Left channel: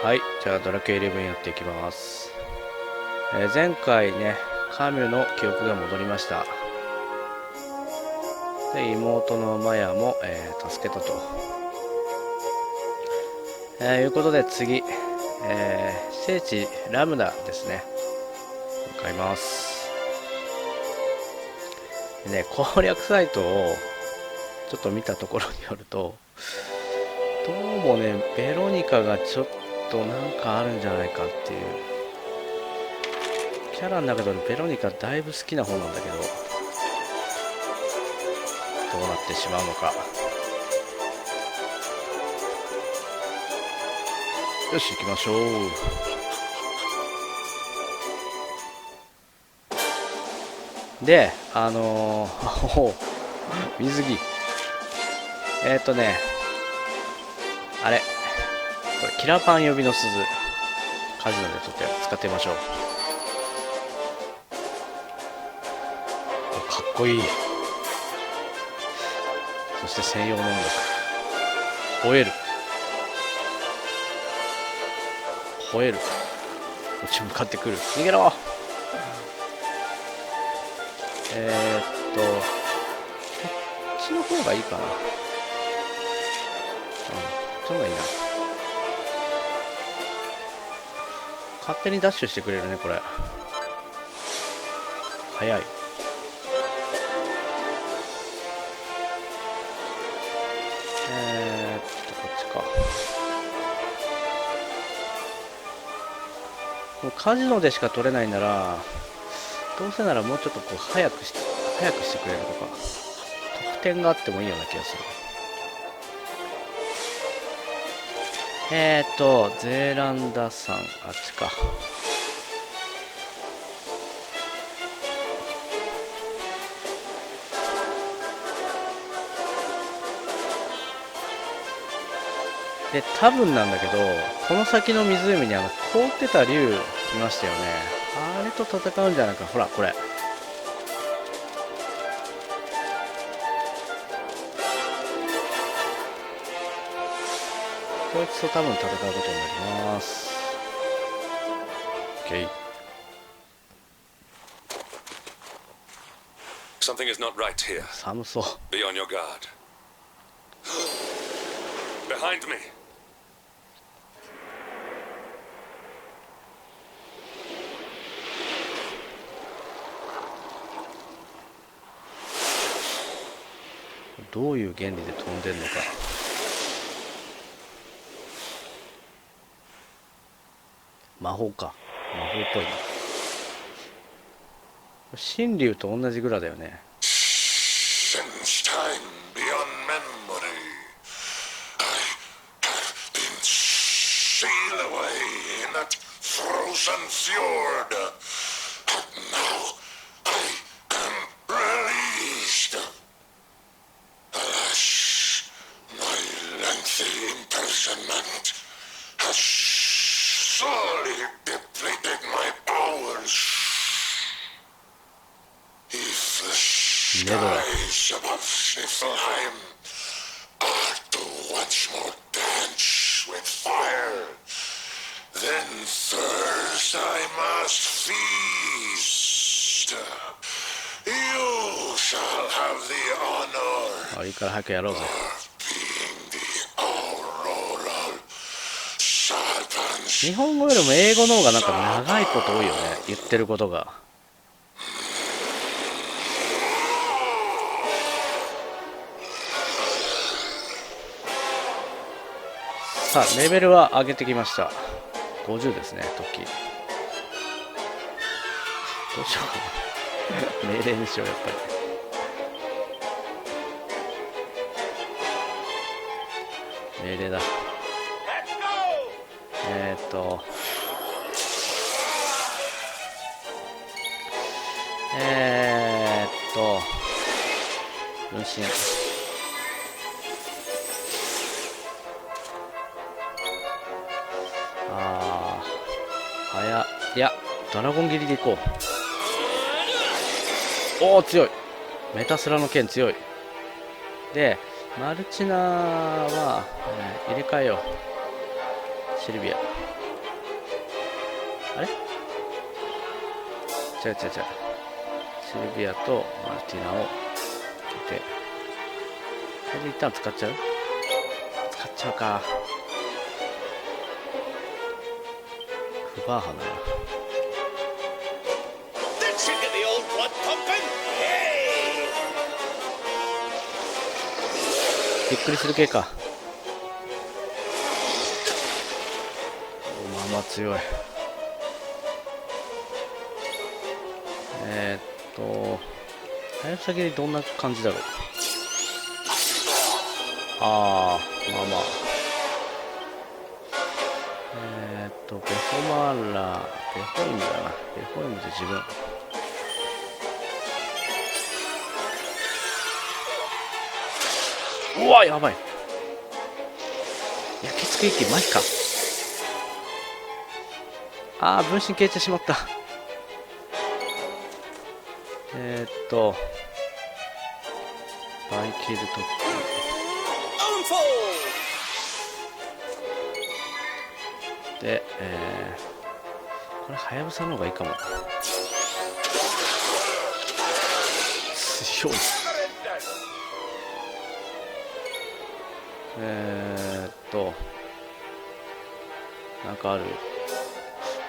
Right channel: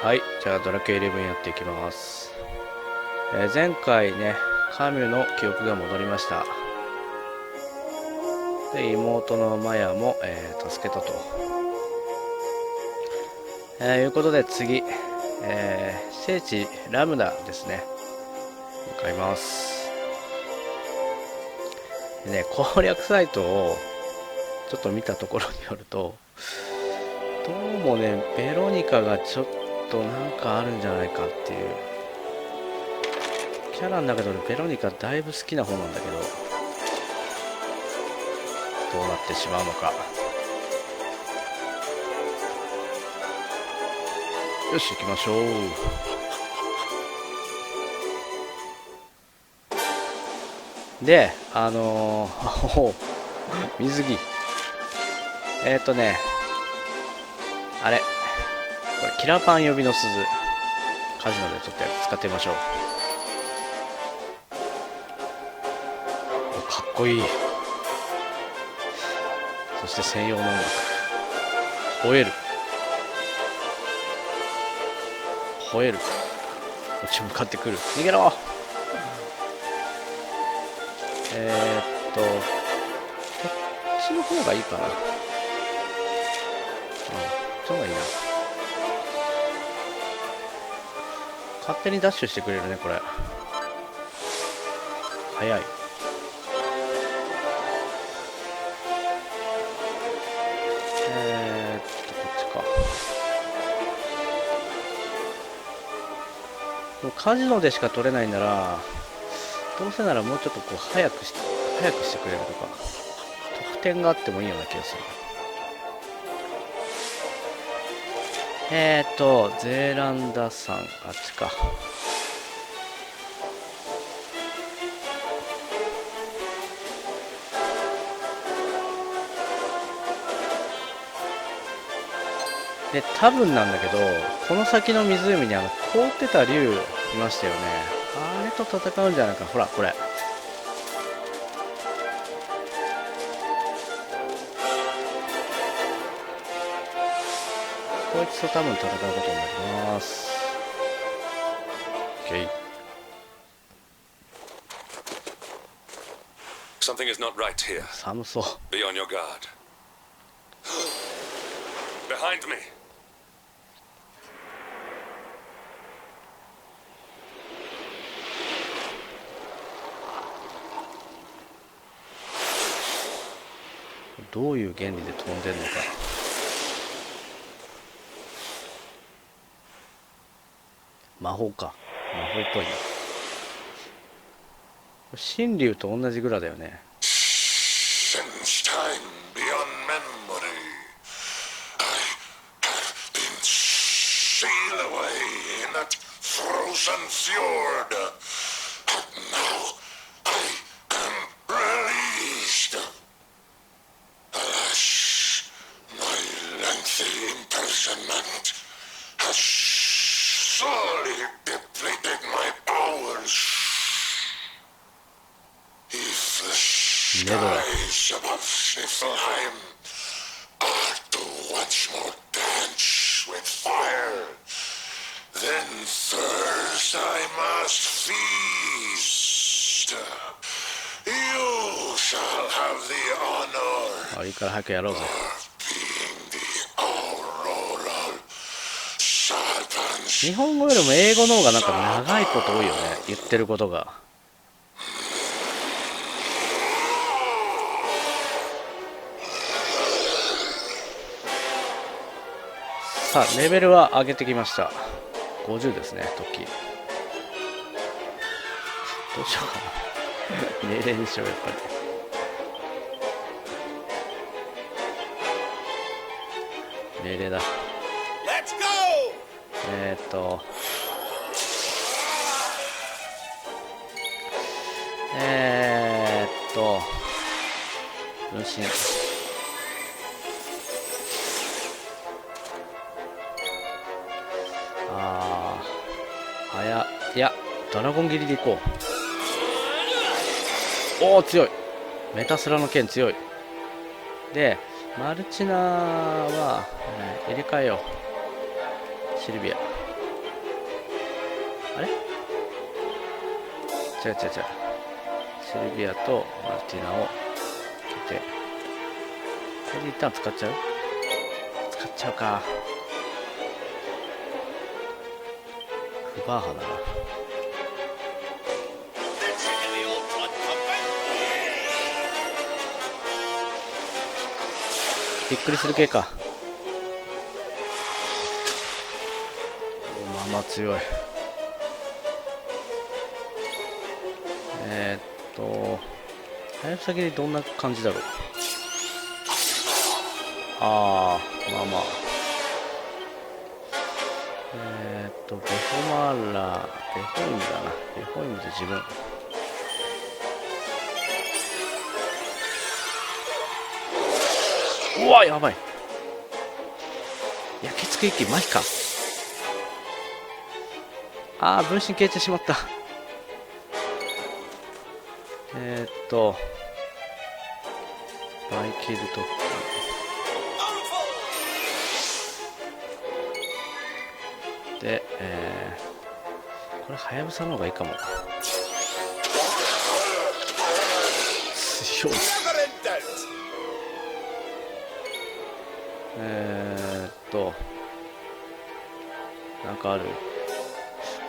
はい、じゃあドラクエ11やっていきます。前回ね、カミュの記憶が戻りました。で、妹のマヤも、助けたと。いうことで次、聖地ラムダですね。向かいます。でね、攻略サイトをちょっと見たところによると、どうもね、ベロニカがちょっとなんかあるんじゃないかっていう。キャラの中で俺ベロニカだいぶ好きな方なんだけど、どうなってしまうのか。よし、行きましょう。で、水着。あれ、これ、キラパン呼びの鈴。カジノで取って使ってみましょう。お、かっこいい。そして専用の音楽。吠える。吠える。こっち向かってくる。逃げろ。こっちの方がいいかな。こっちの方がいいな。勝手にダッシュしてくれるね、これ。早い。こっちか。カジノでしか取れないなら、どうせならもうちょっとこう早くしてくれるとか、得点があってもいいような気がする。ゼーランダさん、あっちか。で、多分なんだけど、この先の湖に凍ってた竜いましたよね。あれと戦うんじゃないか。ほら、これ。こいつと多分戦うことになります。OK。Something is not right here. 寒そう。Be on your guard. Behind me. どういう原理で飛んでんのか。魔法か。魔法っぽいな。神竜と同じぐらいだよね。Since time beyond memory, I have been sealed away in that frozen fjord. But now I am released. Alas, my lengthy imprisonment has sorely depleted my powers. If the skies above Sniffelheim are to once more dance with fire, then first I must feast. You shall have the honor いいから早くやろうぜ。 of being the auroral serpent's 日本語よりも英語の方がなんか長いこと多いよね、言ってることが。さあ、レベルは上げてきました。50ですね、トッキー。どうしようかな。命令にしよう、やっぱり。命令だ。分身。いや、ドラゴン斬りでいこう。おお、強い。メタスラの剣強い。で、マルチナは、入れ替えよう。シルビア、あれ違う違う違う、シルビアとマルティナを切って、これで一旦使っちゃうか。フバーハだな。びっくりする系か。まあまあ強い。早ふさ切りどんな感じだろう。ああ、まあまあ。ベホマーラ、ベホイムだな。ベホイムで自分。うわ、やばい。焼き付け一気、マジか。ああ、分身消えてしまった。バイキルトッキー。で、これ、はやぶさの方がいいかも。強い。なんかある？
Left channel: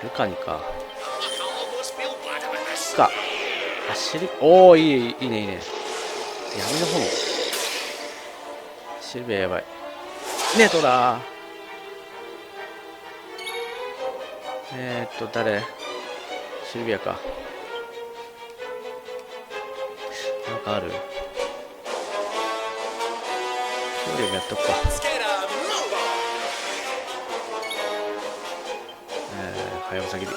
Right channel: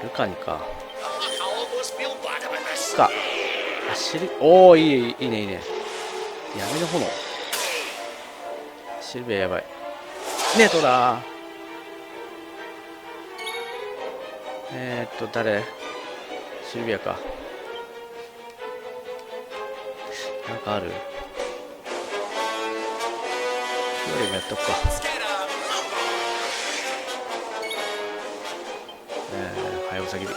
ルカニか。か。あ、おー、いいね、いいね。闇の炎。シルビアやばい。ネトだー。誰？シルビアか。なんかある？フィオリもやっとくか。はやぶさ切り。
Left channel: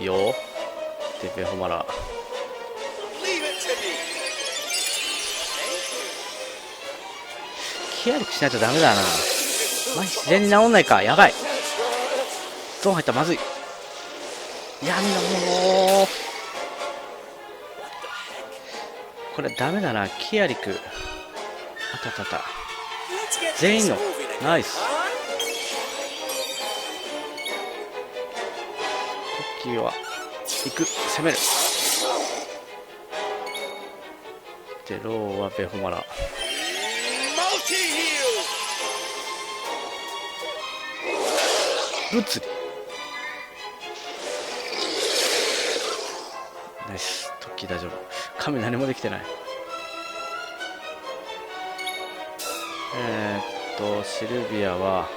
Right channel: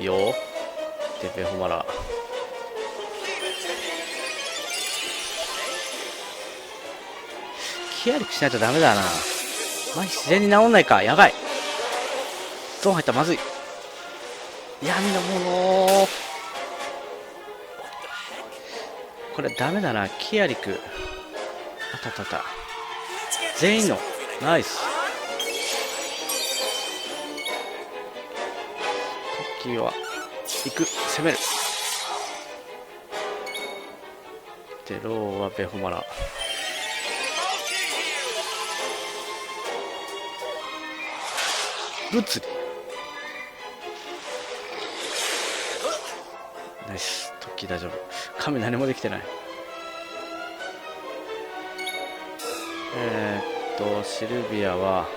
いいよ。で、ベホマラ。気合力しないとダメだな。マジ自然に治んないか。やばい。ゾーン入ったらまずい。闇の炎。これダメだな。キアリク。あたたた。全員の。ナイス。トッキーは行く、攻める。で、ローはベホマラ。物理。ナイス。トッキー大丈夫。神何もできてない。シルビアは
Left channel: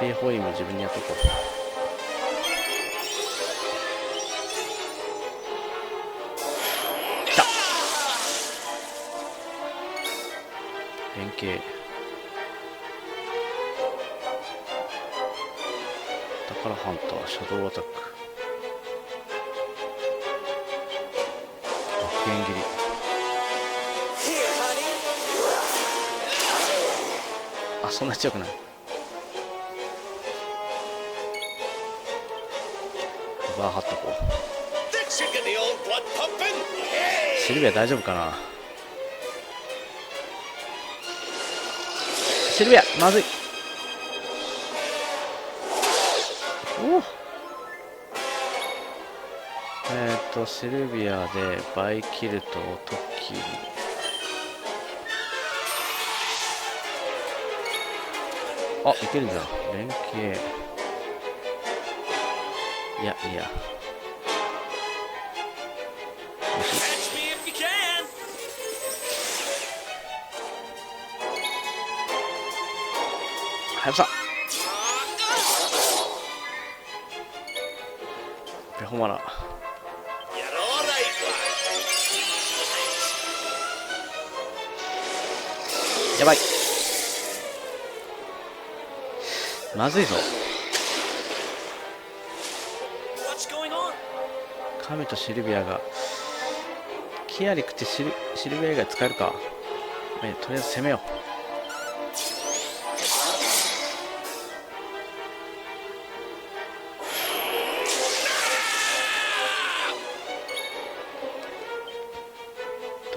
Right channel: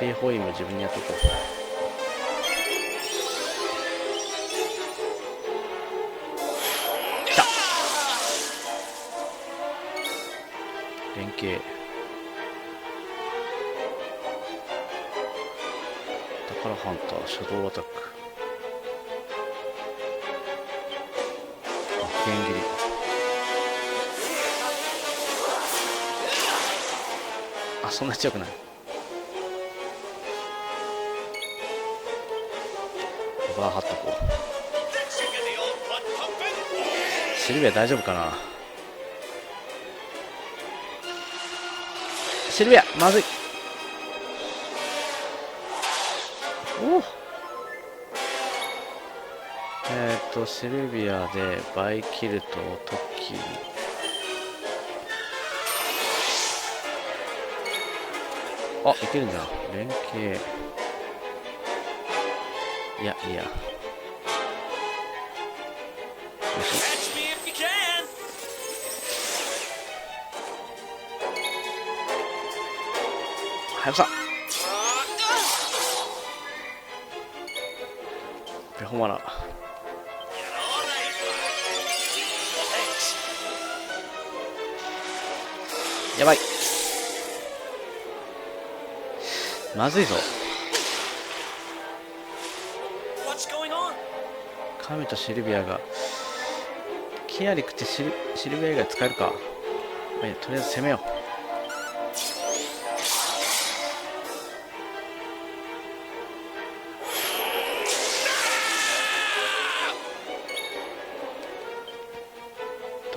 リベホイム自分にやっとこう。来た。連携。宝ハンターシャドウアタック。爆炎切り。あ、そんな強くない。バー張っとこう。シルビア大丈夫かな。シルビアまずい。おお。シルビアでバイキルトをトッキーに。あ、いけるんじゃん。連携。いや、いいや。よし。はやぶさ。ベホマラ。やばい。まずいぞ。神とシルビアがキアリクってシルビア以外使えるか。まあいいや、とりあえず攻めよう。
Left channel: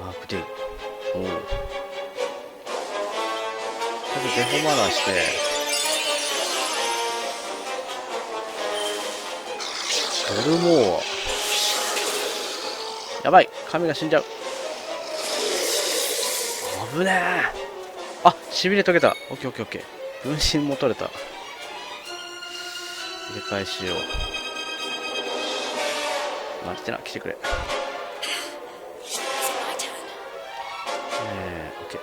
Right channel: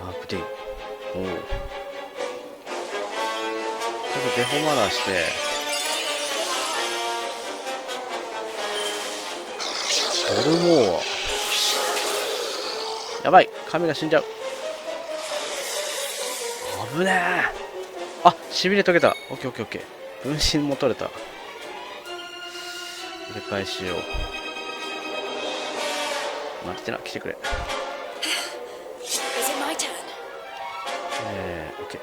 ダークデイ。おお。ちょっとデフォマナーして。ドルモア。やばい、髪が死んじゃう。危ねえ。あ、しびれ解けた。オッケーオッケーオッケー。分身も取れた。入れ替えしよう。待ってな、来てくれ。オッケー。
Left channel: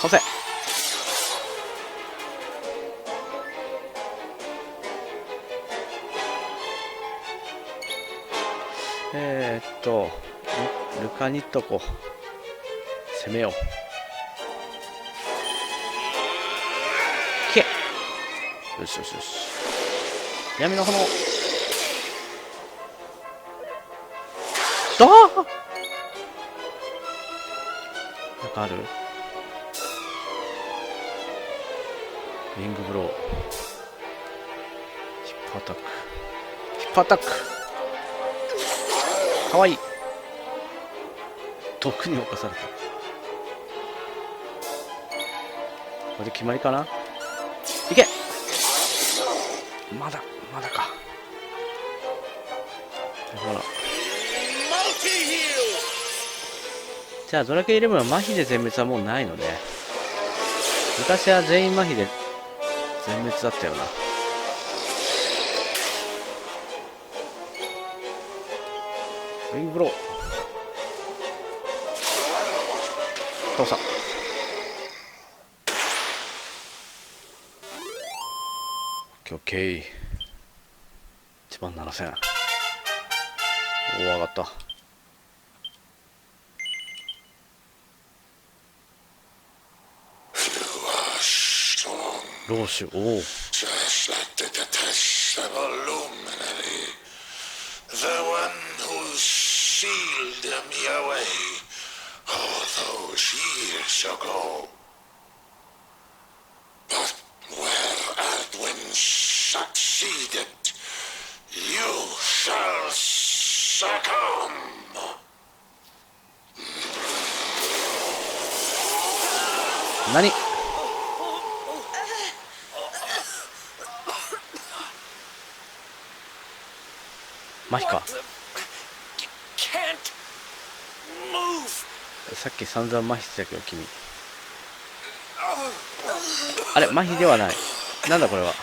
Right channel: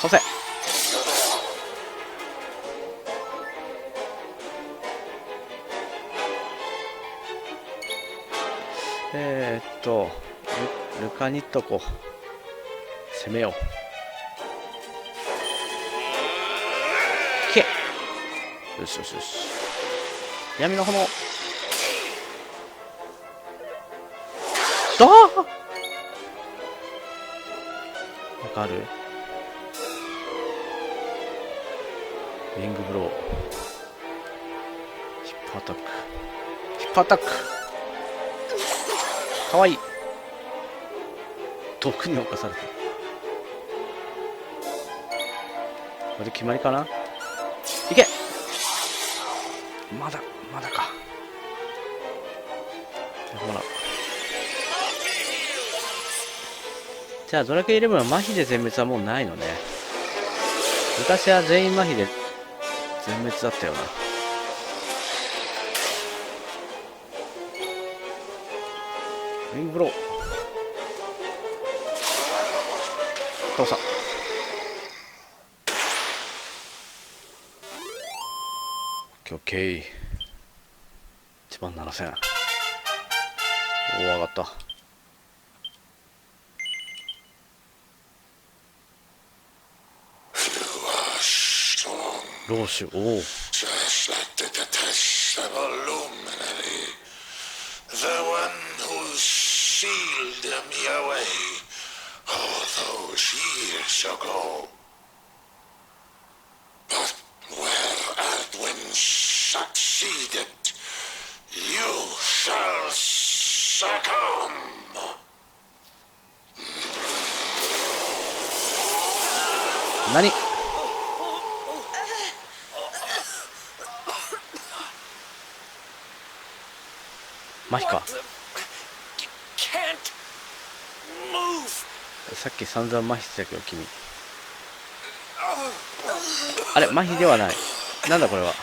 倒せ。ルカニットコ攻めよう。けよしよしよし。闇の炎。だーなんかある？ウィングブロー。ヒップアタック。ヒップアタック。かわいい。毒に侵された。これで決まりかな。いけ。まだか。ほら。じゃあドラクエ11は麻痺で全滅はもうないのね。昔は全員麻痺で全滅だったよな。ウィングブロー。倒した。オッケー。17000。おお、上がった。ローシュ、おお。Just like the detestable luminary, the one who sealed me away all those years ago. But where Aldwin succeeded, you shall succumb. 何？麻痺か。さっき散々麻痺してたけど君。あれ麻痺ではない。なんだこれは。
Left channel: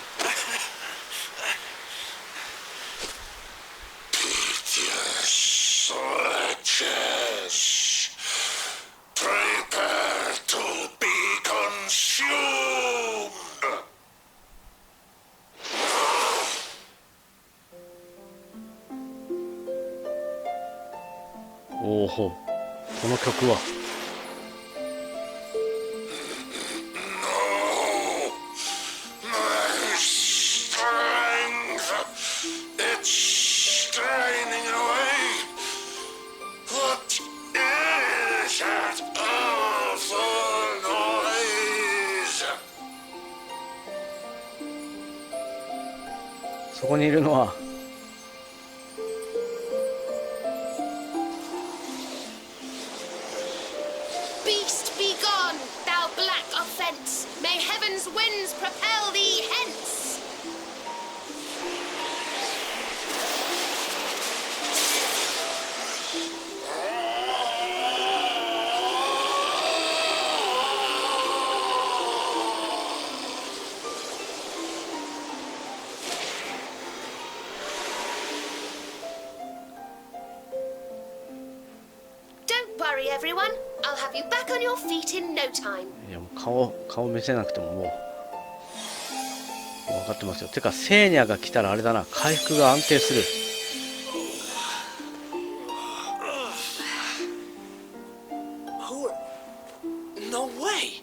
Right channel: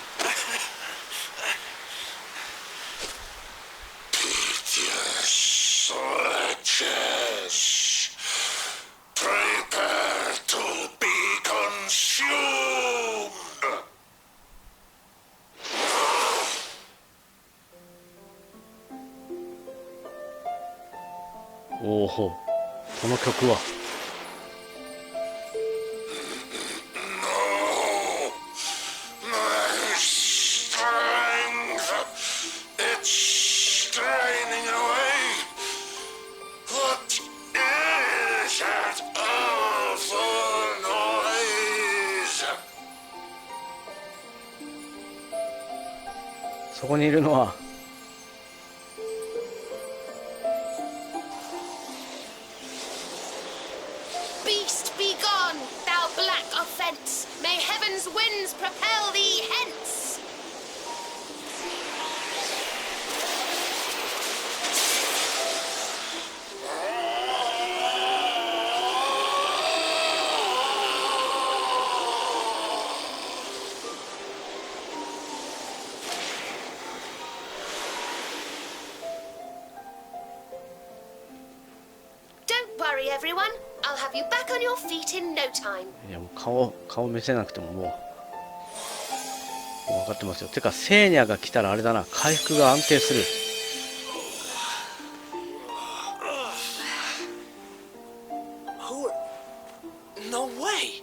おお、この曲は。そこにいるのはBeast be gone, thou black offence. May heaven's winds propel thee hence. Don't worry, everyone. I'll have you back on your feet in no time. いやもう顔見せなくてももう分かってますよ。てかセーニャが来たらあれだな、回復が安定する。No way!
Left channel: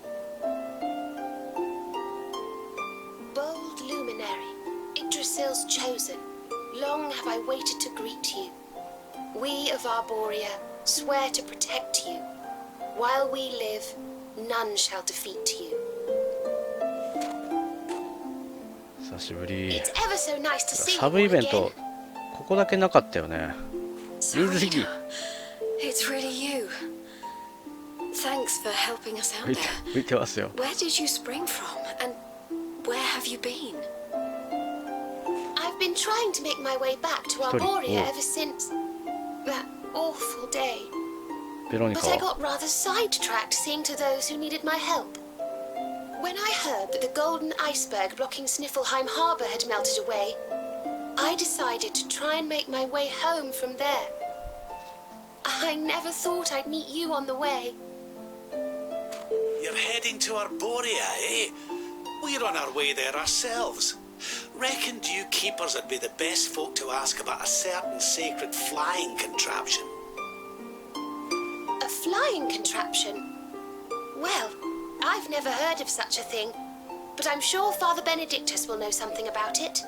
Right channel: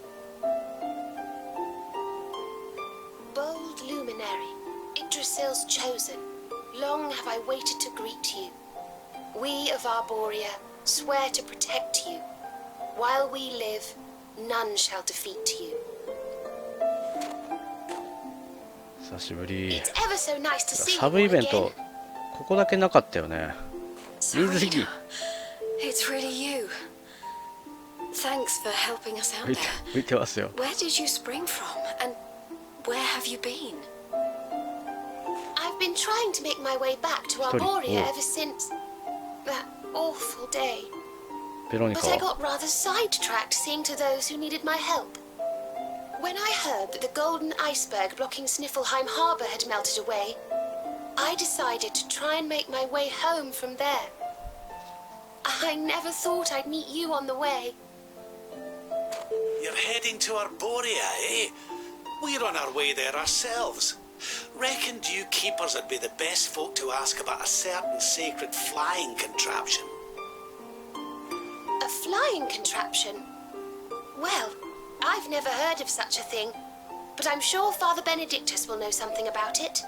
Bold luminary, Yggdrasil's chosen. Long have I waited to greet you. We of Arborea swear to protect you. While we live, none shall defeat you. 久しぶり。 It's ever so nice to see サブ you イベ all ント again. ここだけなかったよね。水着 It's really you. Thanks for helping us out 浮いて there. 浮いてますよ。 Where did you spring from? And where have you been? I've been trying to make my way back to Arborea ever since that awful day. ベロニカ But I は got rather sidetracked seeing to those who needed my help. When I heard that the golden iceberg blocking Sniffelheim Harbour had melted away, I decided to try and make my way home from there. I never thought I'd meet you on the way. You're heading to Arborea, eh? We're on our way there ourselves. Reckoned you keepers would be the best folk to ask about a certain sacred flying contraption. A flying contraption? Well, I've never heard of such a thing, but I'm sure Father Benedictus will know something about it.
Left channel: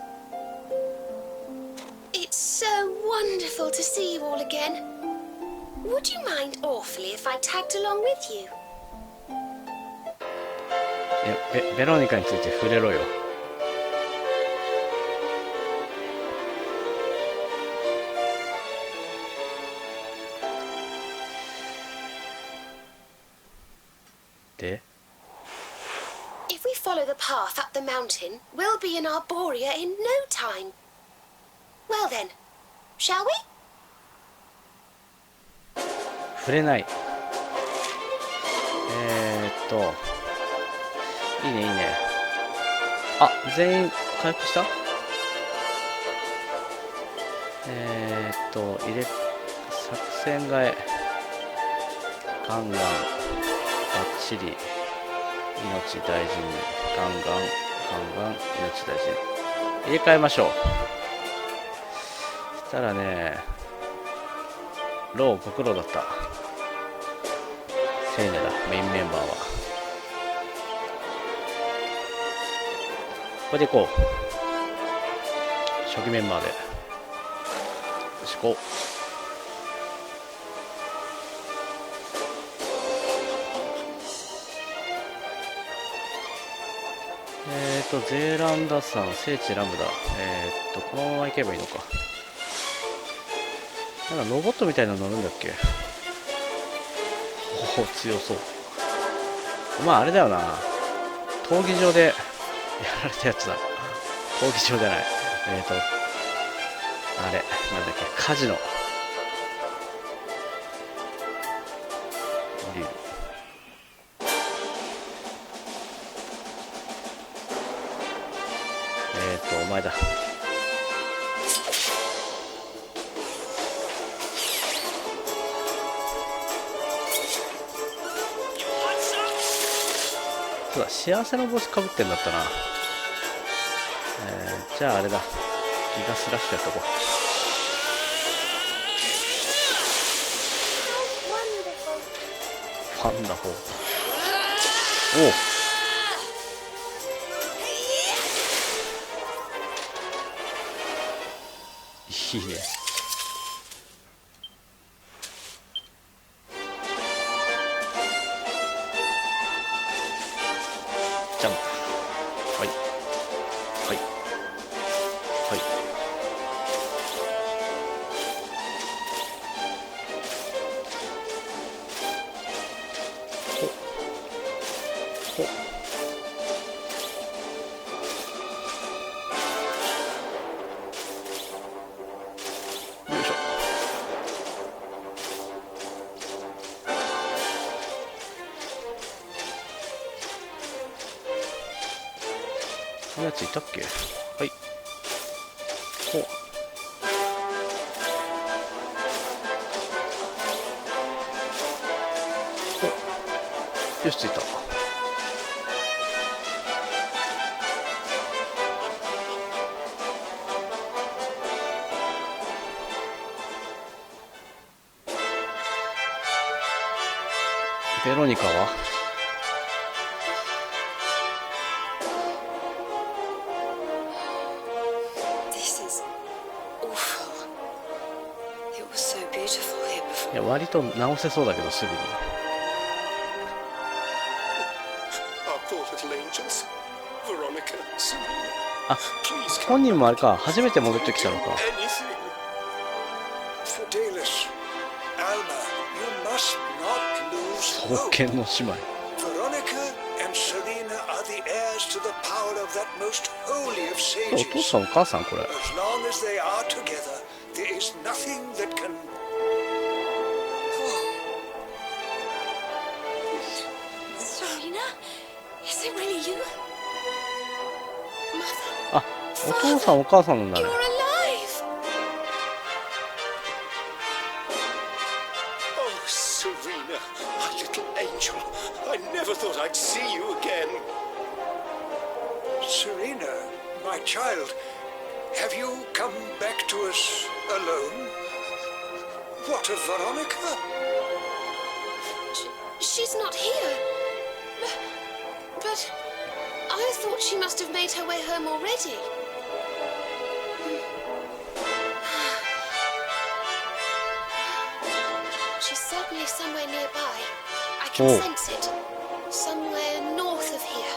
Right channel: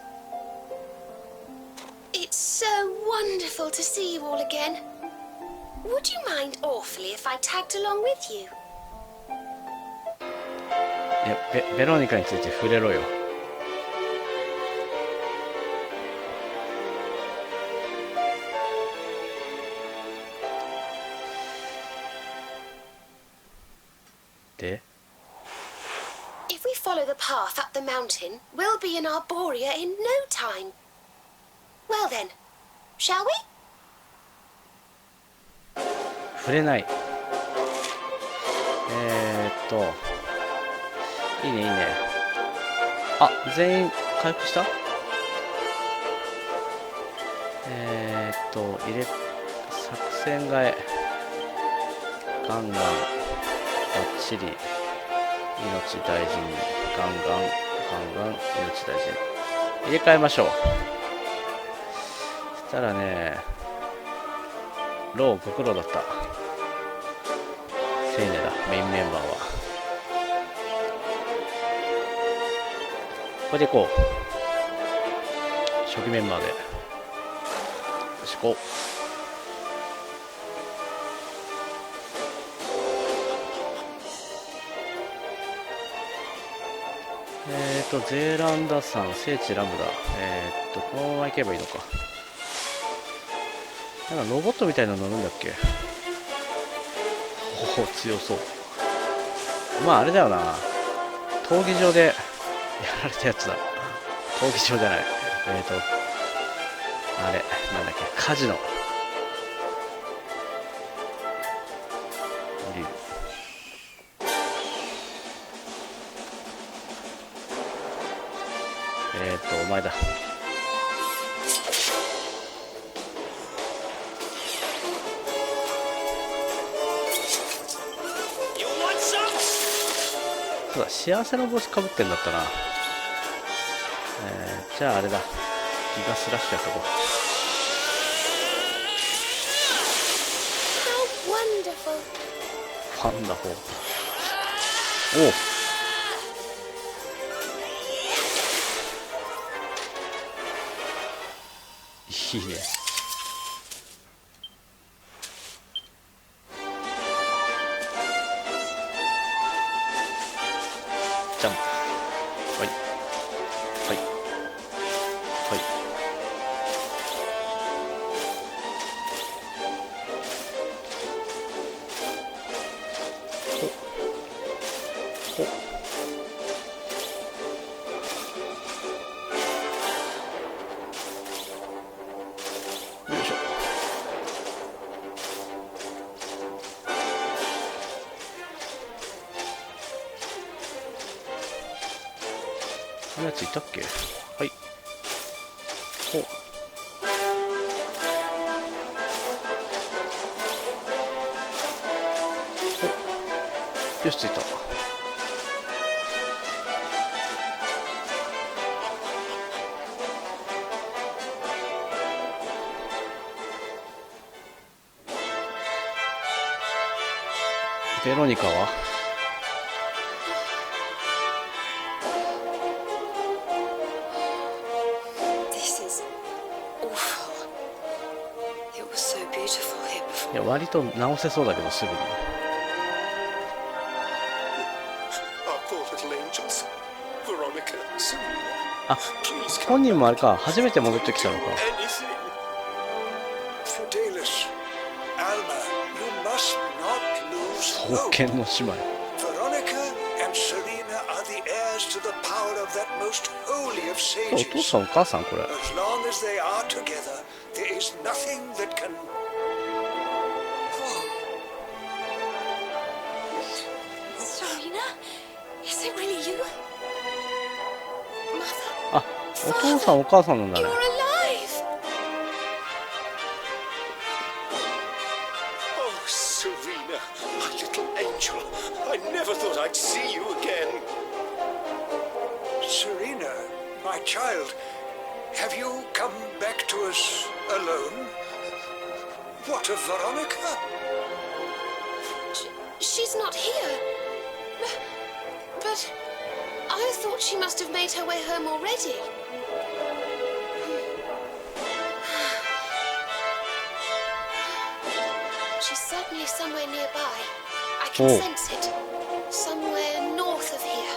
It's so wonderful to see you all again. Would you mind awfully if I tagged along with you? いやベロニカについて触れろよ。で If we follow the path up the mountain, we'll be in Arborea in no time. Well then, shall we? 触れない。いいねいいね。あ、全員回復した？作戦替え。ガンガン、バッチリ、命大事に、ガンガン、命大事に。入れ替えましょう。そしたらね、ロー、ご苦労だった。セーネだ、メインメンバーは。これでいこう。初期メンバーで。よし、行こう。ゼーランダ山、聖地ラムダ。このまま行けばいいのか。なんかロボットみたいなの乗るんだっけ。おお、強そう。まああれだよな。闘技場でやられたやつだ。闘技場じゃない。あれ、なんだっけ、カジノ。降りる。お前だ。そうだ、幸せの帽子かぶってんだったな。じゃああれだ。ギガスラッシュやっとこう。ファンダホー。おう。いいね。ジャンプ。はい。はい。はい。ほ。ほ。よいしょ。このやついたっけ。はい。ほう。ほう。よし、ついた。ベロニカはThis is awful. It was so beautiful here いや before. 割と直せそうだけどすぐに。 Our poor little angels. Veronica, Serena. あ、 Please come 本人もあれ back. か、初めて戻ってきたのか。 Anything. Fidelis, Alma, you must not lose 宝 hope. 剣の姉妹。 Veronica and Serena are the heirs to the power of that most holy of お父 sages. さんお母さんこれ。 As long as they are together, there is nothing that can. Oh, Serena? Is it really you? Mother, あ、お父さんお母さんなんだ you're ね。 alive! oh, Serena, my little angel. I never thought I'd see you again. Serena, my child, have you come back to us alone? What of Veronica? She's not here. But I thought she must have made her way home already. She's certainly somewhere nearby. I can Oh. sense it. Somewhere north of here.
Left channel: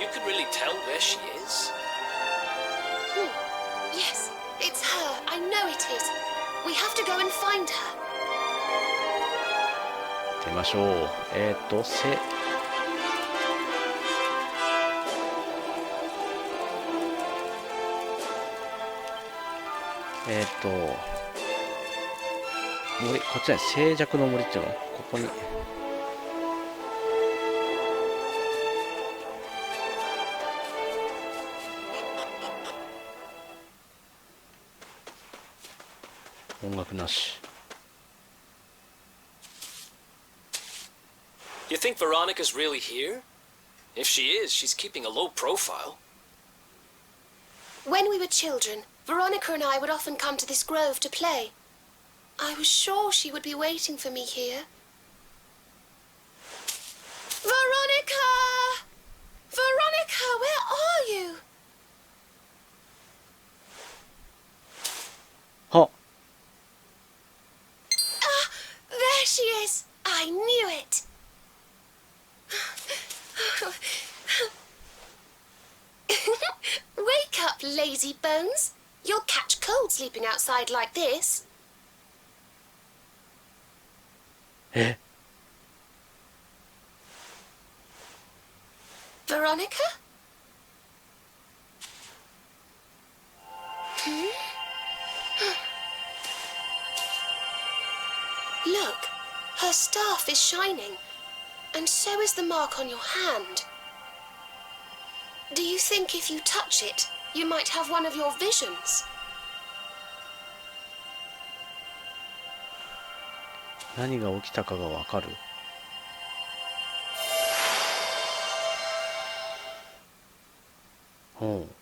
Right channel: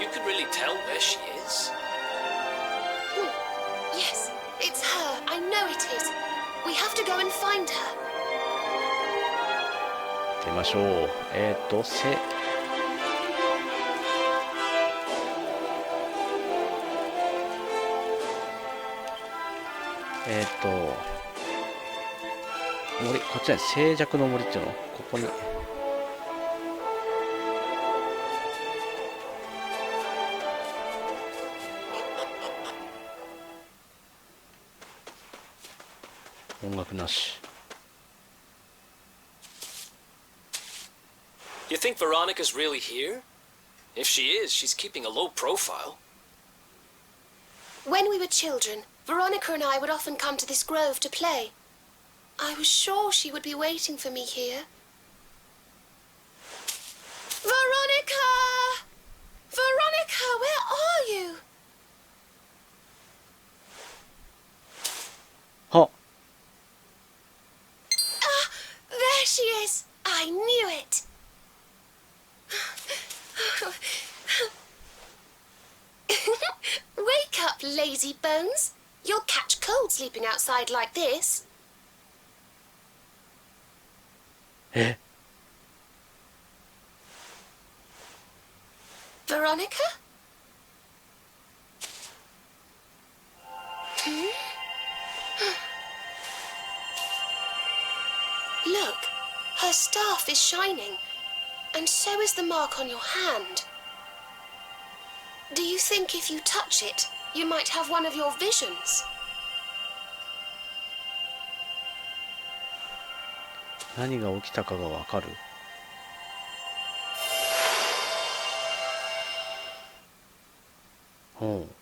You can really tell where she is? Yes, it's her. I know it is. We have to go and find her. 出ましょう。森、こっちは静寂の森っていうの、ここに。音楽なし。 You think Veronica's really here? If she is, she's keeping a low profile. When we were children, Veronica and I would often come to this grove to play. I was sure she would be waiting for me here. Veronica! Veronica, where are you? はっ、 Ah, there she is. I knew it. Wake up, lazy bones. You'll catch cold sleeping outside like this. え、 Veronica? Look, her staff is shining, and so is the mark on your hand. Do you think if you touch it, you might have one of your visions? 何が起きたかがわかる。ほう。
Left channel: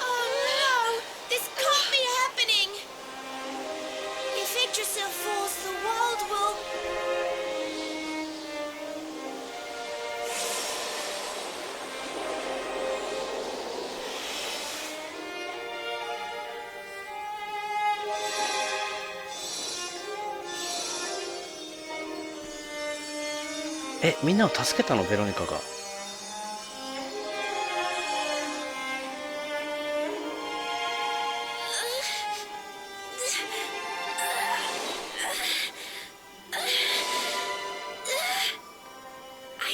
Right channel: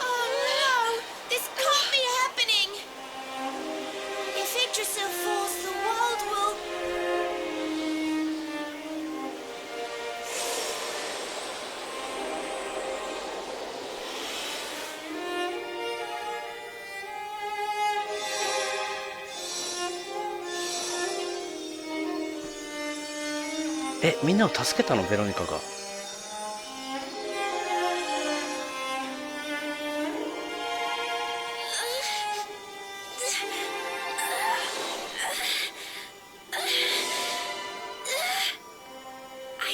Oh no! This can't be happening! If Yggdrasil falls, the world will...え、みんなを助けたのベロニカが。 I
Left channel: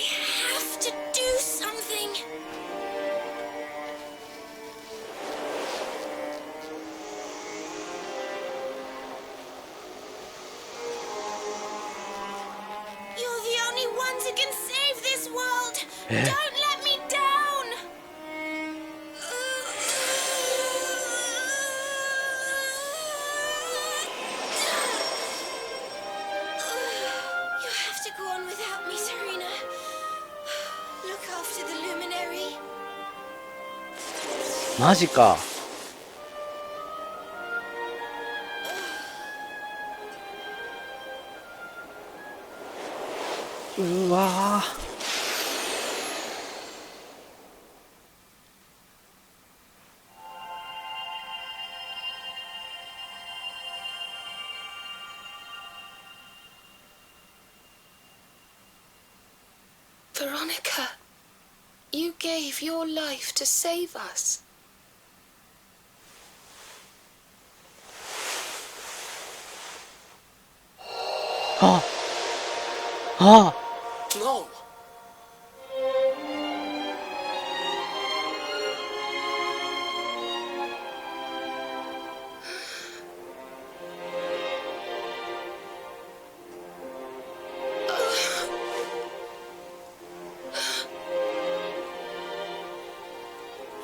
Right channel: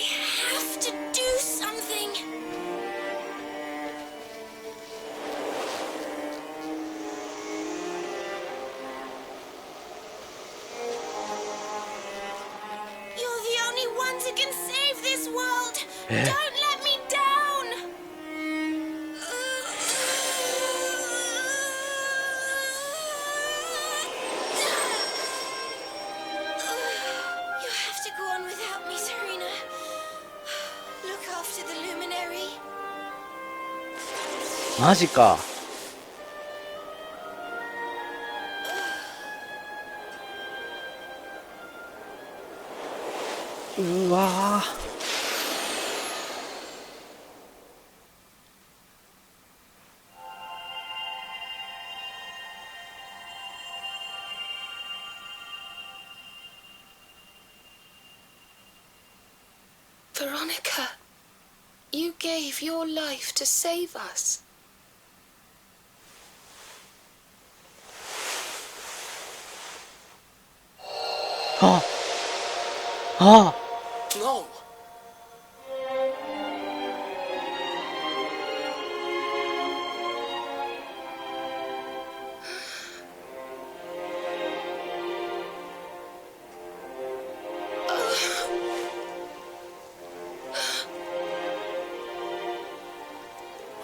have to do something. You're the only ones who can save this world. Eh? Don't let me down. You have to go on without me, Serena. Look after the luminary. マジか。うわ Veronica, you gave your life to save us. Ah! Ah! No!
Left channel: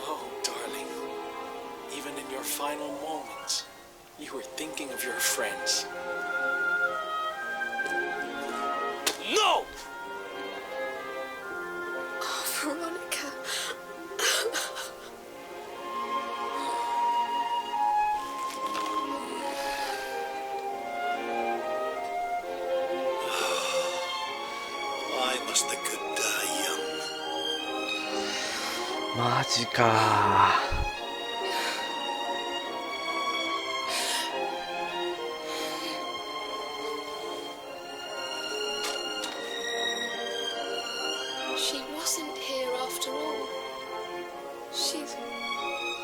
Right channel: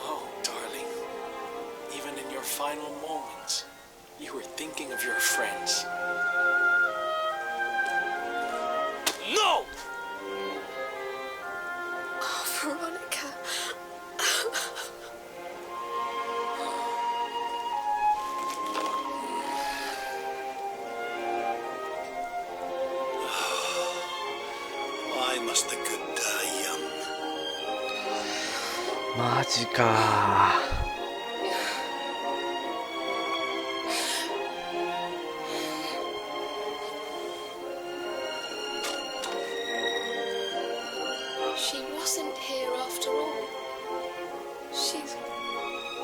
Oh, darling. Even in your final moments, you were thinking of your friends. No! Oh, Veronica. Why must the good die young? マジか。She wasn't here after all. She's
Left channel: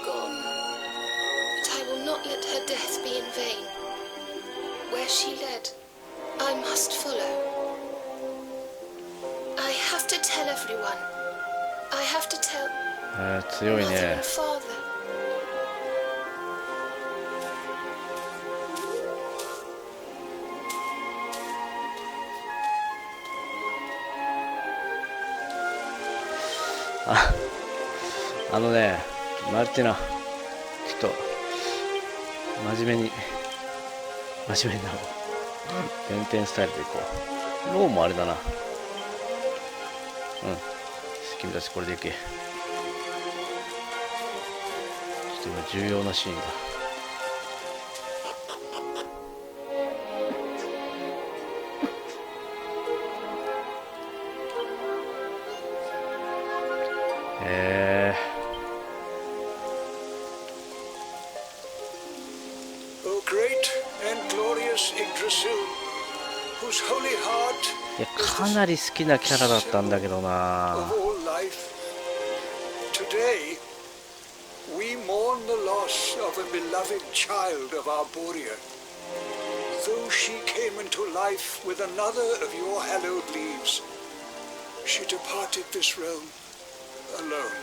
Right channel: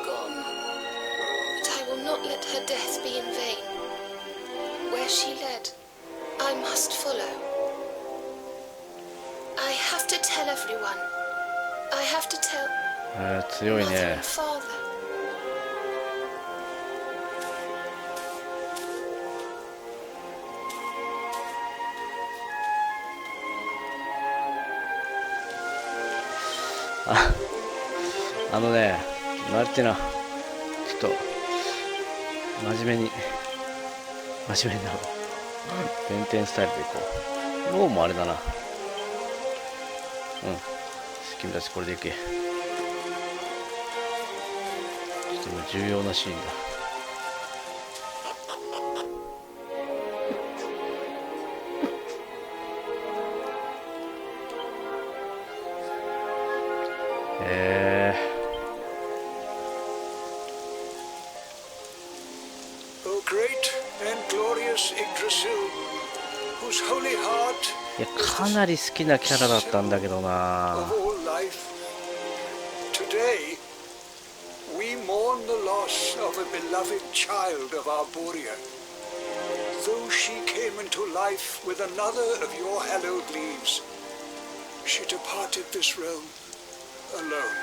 gone. But I will not let her death be in vain. Where she led, I must follow. I have to tell everyone. I have to tell 強い mother ね and。father. あのね、マルティナ、ちょっと真面目になろう。弁天スタイルでいこう。ローもあれだな。うん。君たちこれでいけ。ちょっと今重要なシーンだ。O great and glorious Yggdrasil, whose holy heart いや、かなり好きなキャラだったんだけど of な。 all life. Today, we mourn the loss of a beloved child of Arborea. Though she came into life with another of your hallowed leaves, she departed this realm alone.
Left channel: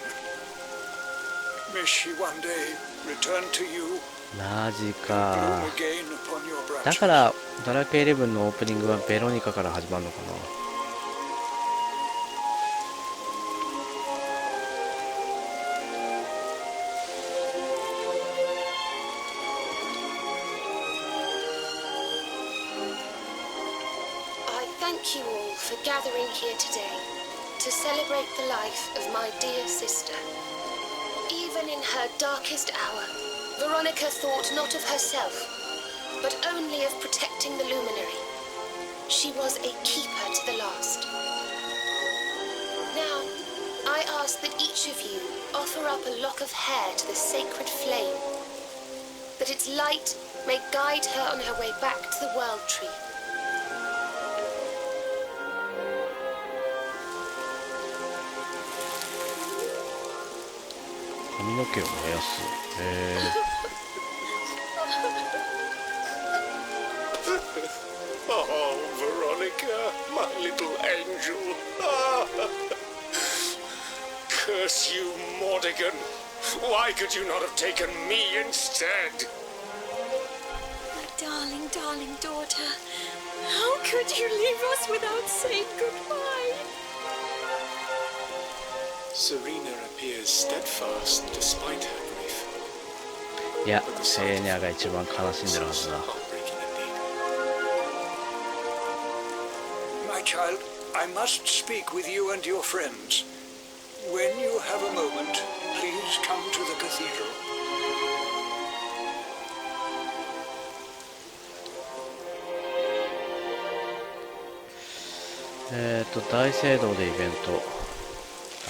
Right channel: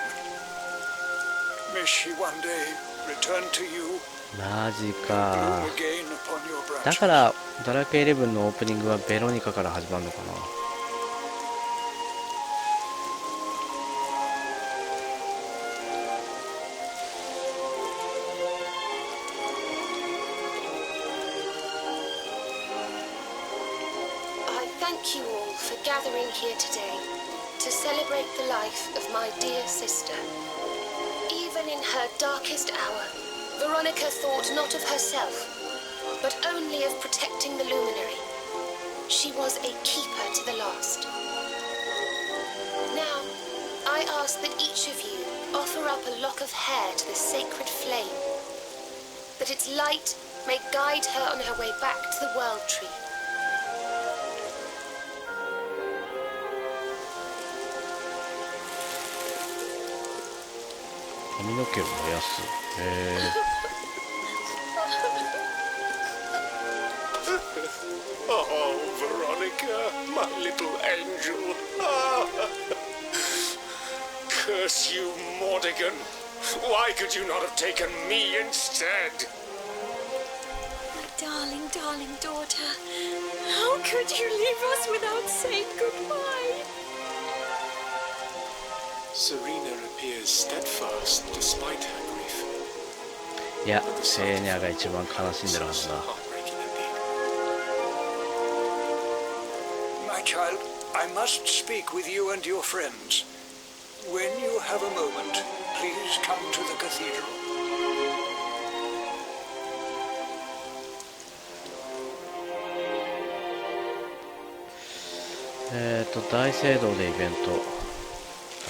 May she one day return to you マジ and か。 bloom again upon your だ branches. からドラクエ11のオープニングはベロニカから始まるのかな。I thank you all for gathering here today to celebrate the life of my dear sister. Even in her darkest hour, Veronica thought not of herself, but only of protecting the luminary. She was a keeper to the last. Now, I ask that each of you offer up a lock of hair to the sacred flame, that its light may guide her on her way back to the World Tree. 髪の毛を燃やす。Oh, Veronica, my little angel. Ah. Curse you, Mordigan. Why could you not have taken me instead? My darling, darling daughter. How could you leave us without saying goodbye? Serena appears steadfast despite her grief. いや、セレニアが一番悲しんでるはずだ。 Heartbreaking indeed. My child, I must speak with you and your friends. When you have a moment, please come to the cathedral. 大聖堂でイベント。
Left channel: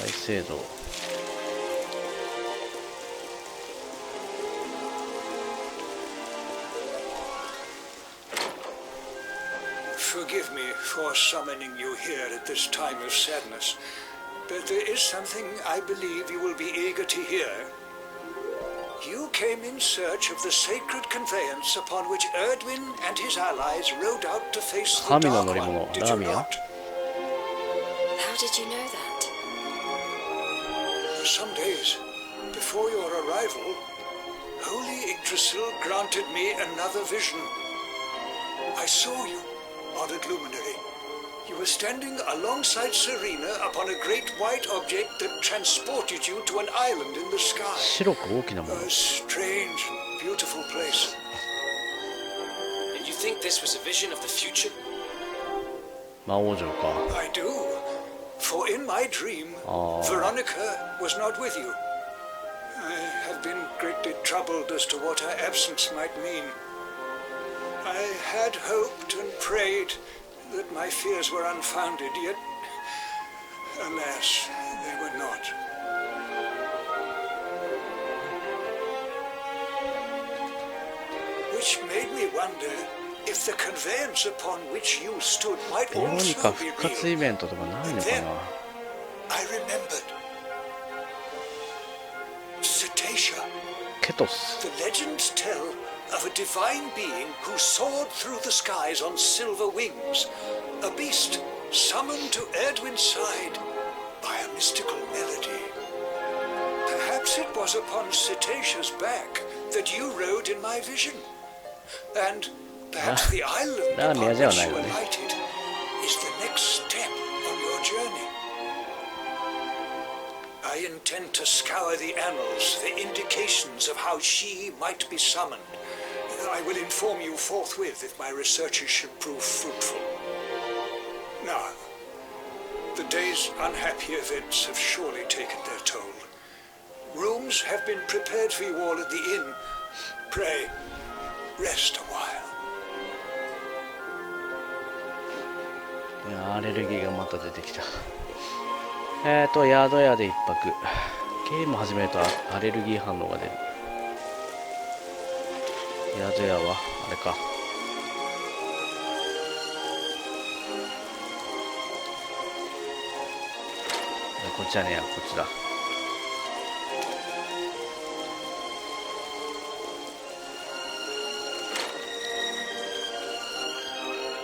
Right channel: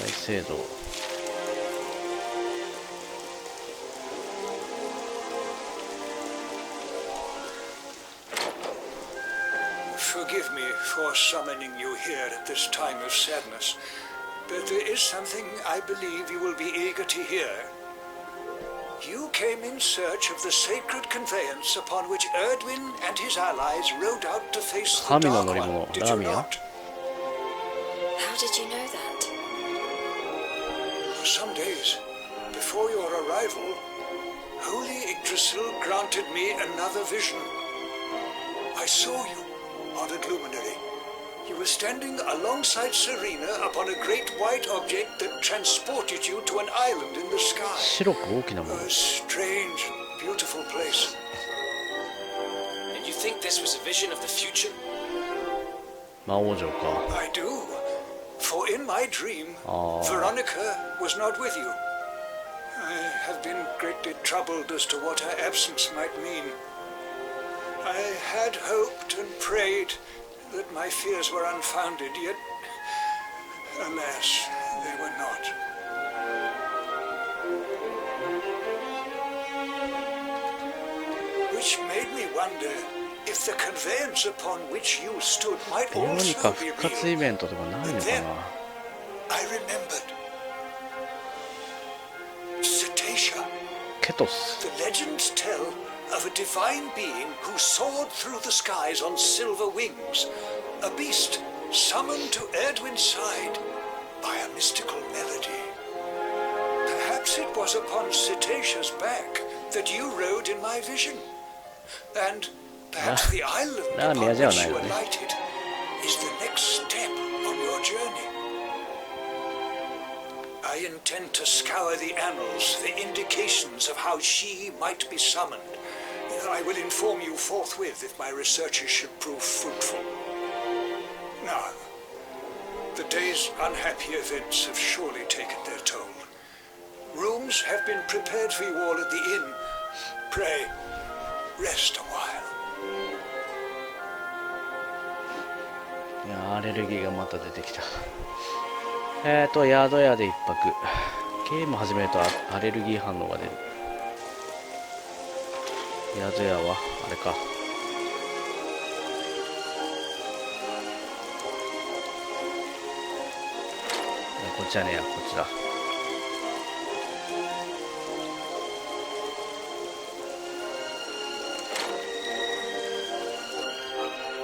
大聖堂。forgive me for summoning you here at this time of sadness, but there is something I believe you will be eager to hear. You came in search of the sacred conveyance upon which Erdwin and his allies rode out to face the Dark One, did you not? How did you know that? For some days before your arrival, Holy Yggdrasil granted me another vision. I saw you, honored luminary. You were standing alongside Serena upon a great white object that transported you to an island in the sky. 白く大きなもの。 A strange and beautiful place. And you think this was a vision of the future? 魔王城か。 I do. For in my dream, Oh. Veronica was not with you. I have been greatly troubled as to what her absence might mean. I had hoped and prayed that my fears were unfounded, yet, alas, they were not. Which made me wonder if the conveyance upon which you stood might ベロニ also カ be 復活イ real. ベントとかないのかな。 I remembered. Cetacea. ケトス。 The legends tell of a divine being who soared through the skies on silver wings, a beast summoned to Erdwin's side by a mystical melody. Perhaps it was upon Cetacea's back that you rode in my vision, and perhaps the island upon which you alighted is the next step on your journey. I intend to scour the annals for indications of how she might be summoned. I will inform you forthwith if my researches should prove fruitful. Now, the day's unhappy events have surely taken their toll. Rooms have been prepared for you all at the inn. Pray, rest a while. いやアレルギーがまた出てきた。宿屋で一泊。ゲーム始めるとアレルギー反応が出る。宿屋はあれか。いやこっちじゃねえや、こっちだ。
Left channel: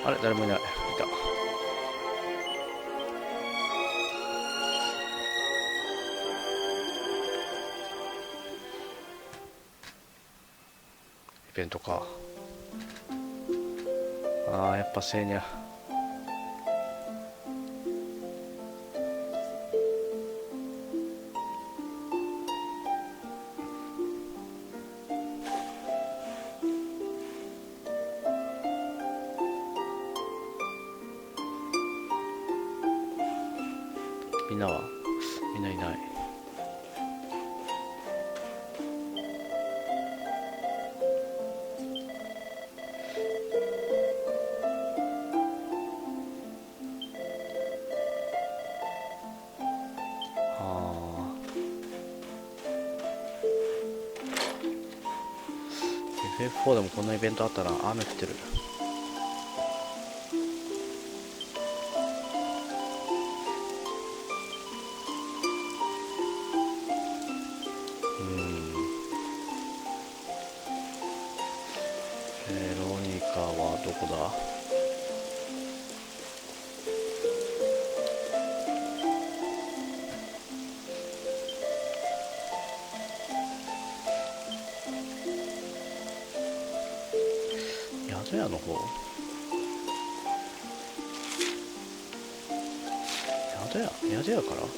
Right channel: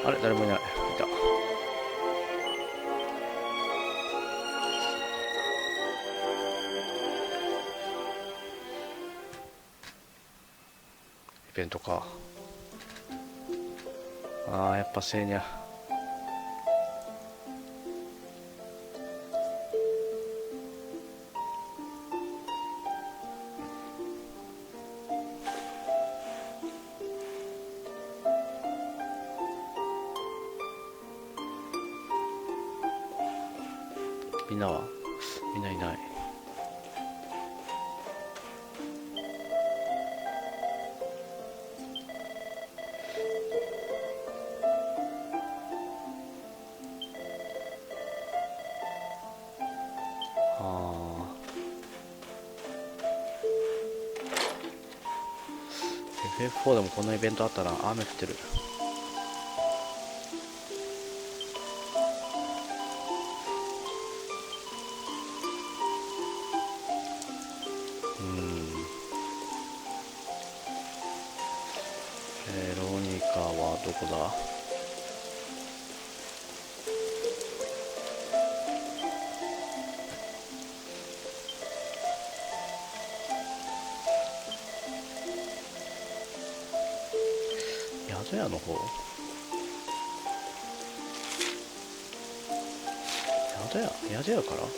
あれ誰もいない。いた。イベントか。ああやっぱせいにゃ。みんないない。FF4 でもこんなイベントあったな。雨降ってる。ベロニカはどこだ？宿屋の方？宿屋から？こ